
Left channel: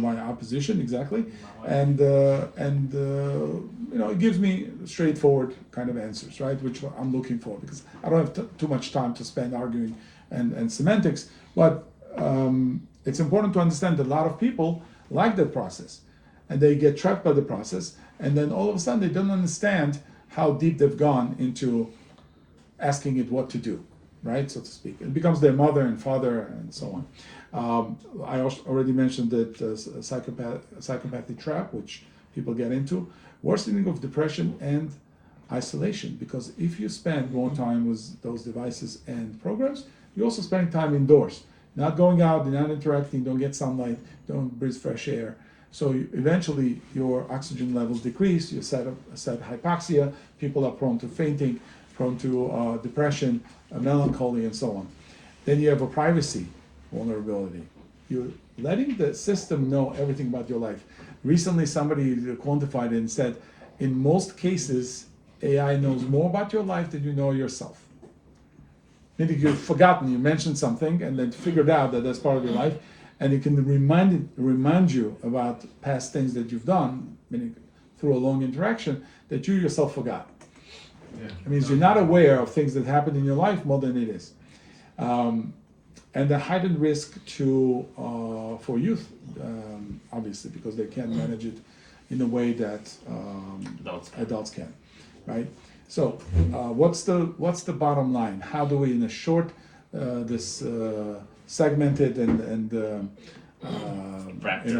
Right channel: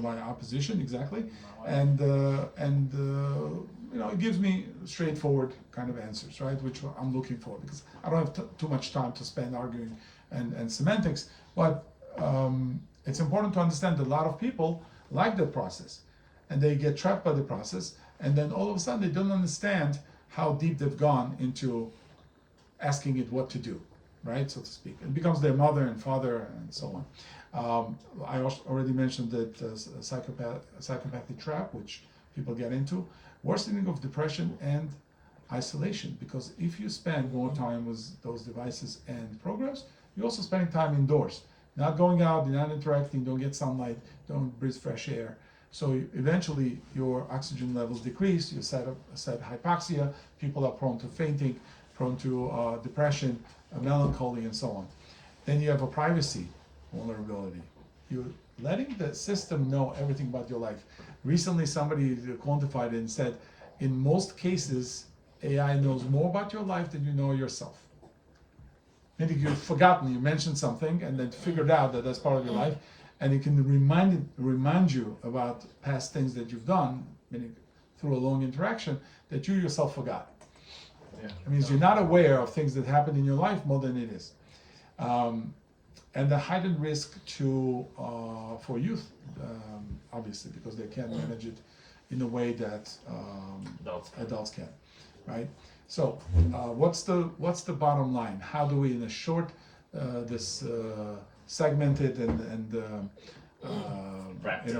my opposition, exactly, and it gives me straightforward kind of answers, right, which I'm looking for, because I don't have too much time to spend arguing and semantics, but it's important to understand that a lot of people like that process, and they get trapped by the process, and then all of a sudden they don't understand how deep they've gone into asking it what to do, right, so to speak. It becomes their mother and father and so on. I already mentioned that psychopathic trap, which people get into, worsening of depression and isolation, because if you spend more time with those devices and programs, you're also spending time indoors, not going out, not interacting, don't get sunlight, don't breathe fresh air. So eventually your oxygen levels decrease, you set hypoxia, people are prone to fainting, prone to depression, melancholy, and so on. Then you have a privacy vulnerability. You're letting the system know everything about your life. Recently somebody quantified it and said, in most cases, AI knows more about your life than you know yourself. Meaning you've forgotten, you mentioned something and then figured out that that's part of your life, and it can remind you about past things that you've done, meaning through a long interaction that you yourself forgot. It means you're not aware of things that happen in your life more than it is. And the heightened risk for youth, obviously, because they can't manage it in a way that adults can, right? So, what's the bottom line? How do we, in a short, segmented and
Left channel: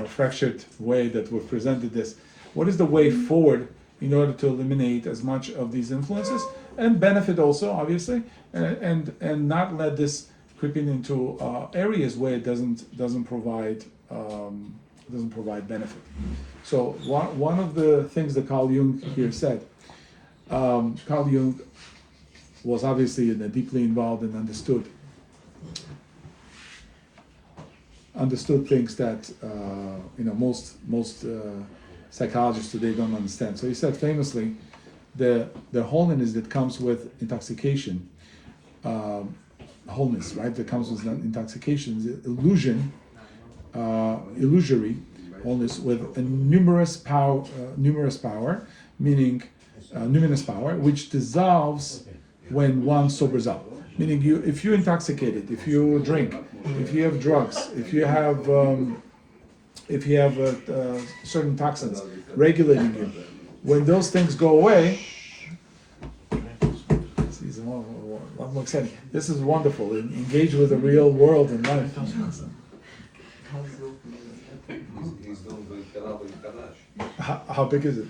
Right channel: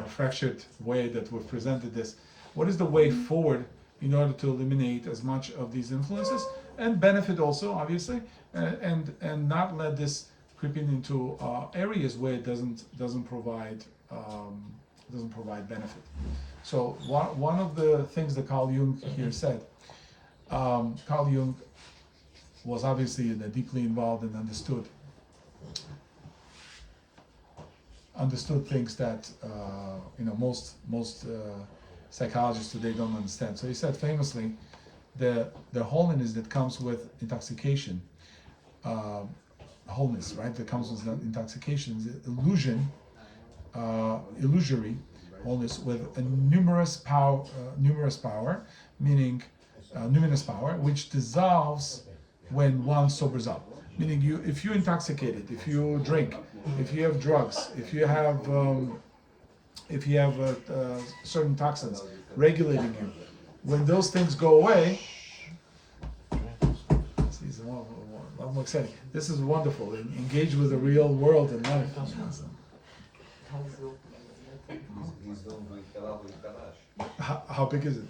fractured way that we've presented this, what is the way forward in order to eliminate as much of these influences and benefit also, obviously, and not let this creeping into areas where it doesn't provide benefit. So one of the things that Carl Jung here said, Carl Jung was obviously deeply involved and understood things that most psychologists today don't understand. So he said famously, the wholeness that comes with intoxication, wholeness, right? That comes with intoxication is illusory wholeness with a numerous power, meaning numinous power, which dissolves when one sobers up. Meaning, if you're intoxicated, if you drink, if you have drugs, if you have certain toxins regulating you, when those things go away, it's a lot more exciting. This is wonderful. Engage with the real world and life. How big is it?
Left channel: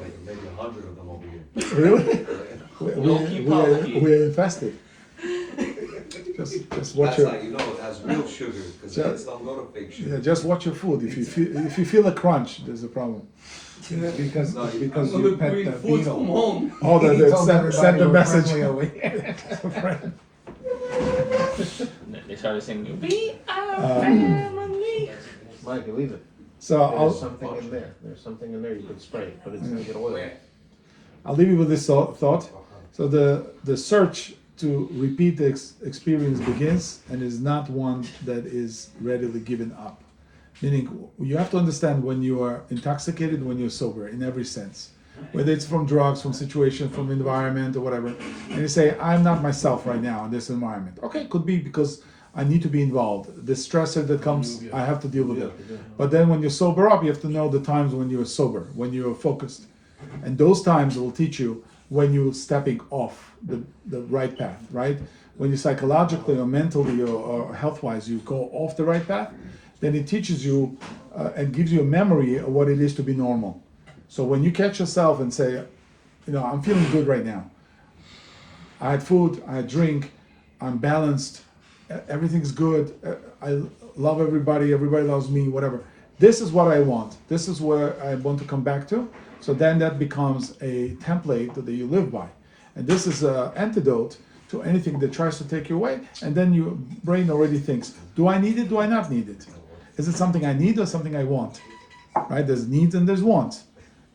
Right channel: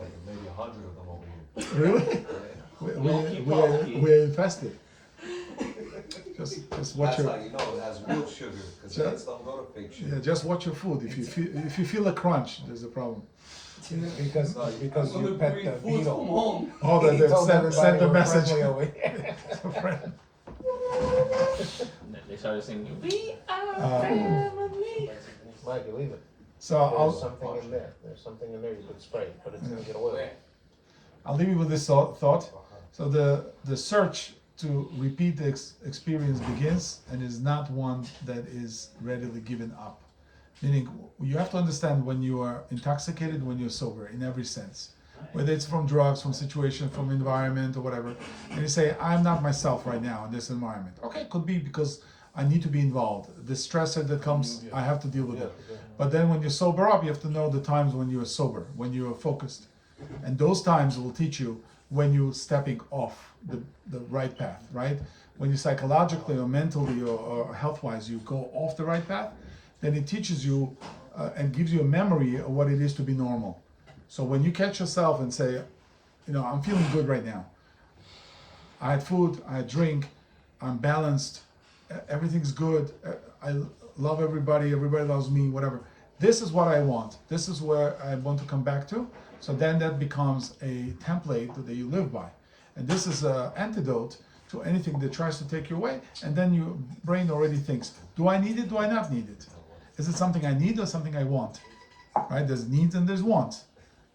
Like maybe 100 of them over here. Really? We're infested. Just watch your. That's how you know it has real sugar, because kids don't go to fake sugar. Yeah, just watch your food. If you feel a crunch, there's a problem. Because you pet the beetle. Oh, send the message. They started saying, "We are family." Mike, you leave it. So There's something in there. There's something in there you could spray, but it's gonna get oil. I'll leave you with this thought. So the search to repeat the experience begins and is not one that is readily given up. Meaning, you have to understand when you are intoxicated, when you're sober, in every sense. Whether it's from drugs, from situation, from environment, or whatever. And you say, I'm not myself right now in this environment. Okay, could be because I need to be involved. The stressor that comes, I have to deal with it. But then when you sober up, you have to know the times when you're sober, when you're focused. And those times will teach you when you're stepping off the right path, right? When you psychologically or mentally or health-wise, you go off the right path, then it teaches you and gives you a memory of what it is to be normal. So when you catch yourself and say, I'm feeling good right now. I had food, I had drink, I'm balanced, everything's good, I love everybody loves me, whatever. This is what I want. This is where I want to come back to. So then that becomes a template that you live by. And this is an antidote to anything that tries to take you away. And then your brain already thinks, do I need it? Do I not need it? Is it something I need or something I want? Right? There's needs and there's wants.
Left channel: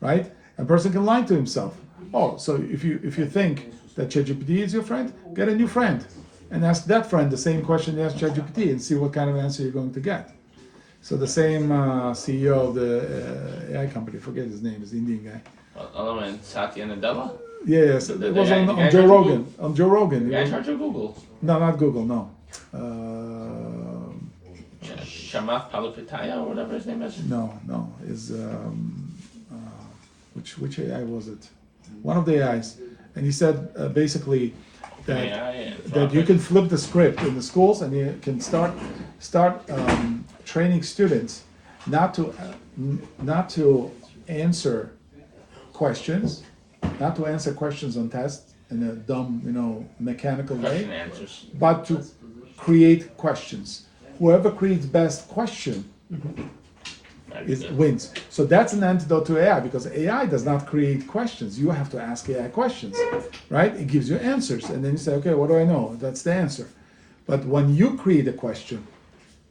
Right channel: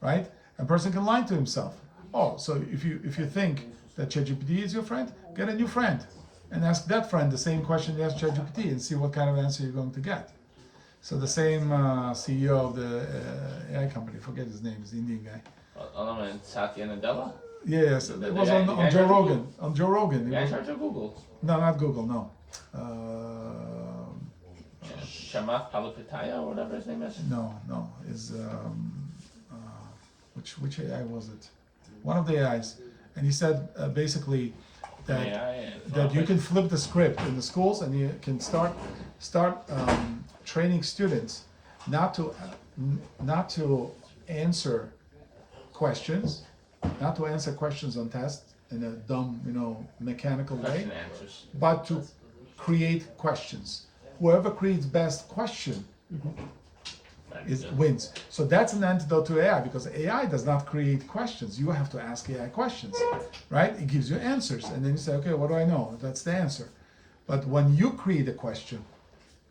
Right? A person can lie to himself. Oh, so if you think that ChatGPT is your friend, get a new friend and ask that friend the same question you ask ChatGPT and see what kind of answer you're going to get. So the same CEO of the AI company, forget his name, is the Indian guy. Other one, Satya Nadella? Yeah, so it was on Joe Rogan. On Joe Rogan. Yeah, charge of Google. No, not Google, no. Shamath Palipitaya or whatever his name is. No, is which AI was it? One of the AIs, and he said basically that you can flip the script in the schools, and you can start training students not to answer questions, not to answer questions on tests in a dumb, mechanical way, but to create questions. Whoever creates best question wins. So that's an antidote to AI, because AI does not create questions. You have to ask AI questions, right? It gives you answers, and then you say, okay, what do I know? That's the answer. But when you create a question,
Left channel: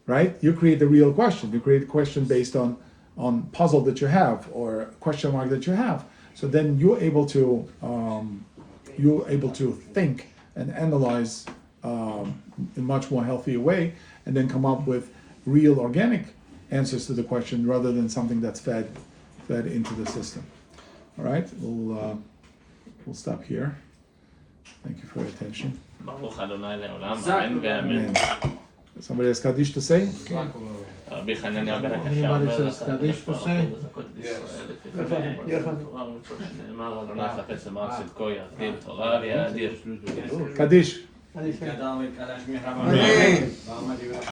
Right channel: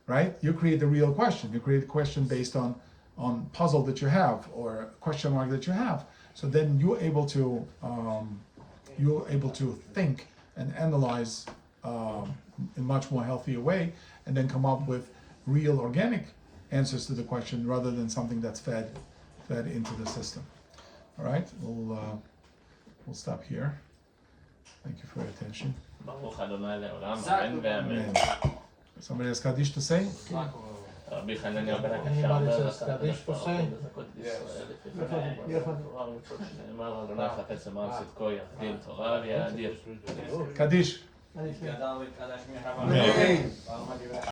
right? You create the real question. You create a question based on puzzle that you have or question mark that you have. So then you're able to think and analyze in much more healthier way, and then come up with real organic answers to the question rather than something that's fed into the system. All right, we'll stop here. Thank you for your attention. ברוך אדוני לעולם, אמן ואמן. Amen. Somebody has Kaddish to say? רבי חנניה בן Anybody הקשה says Kaddish to say? נאמר אדוני חפץ למען צדקו יאדיר תורה ויאדיר. Kaddish. Amen.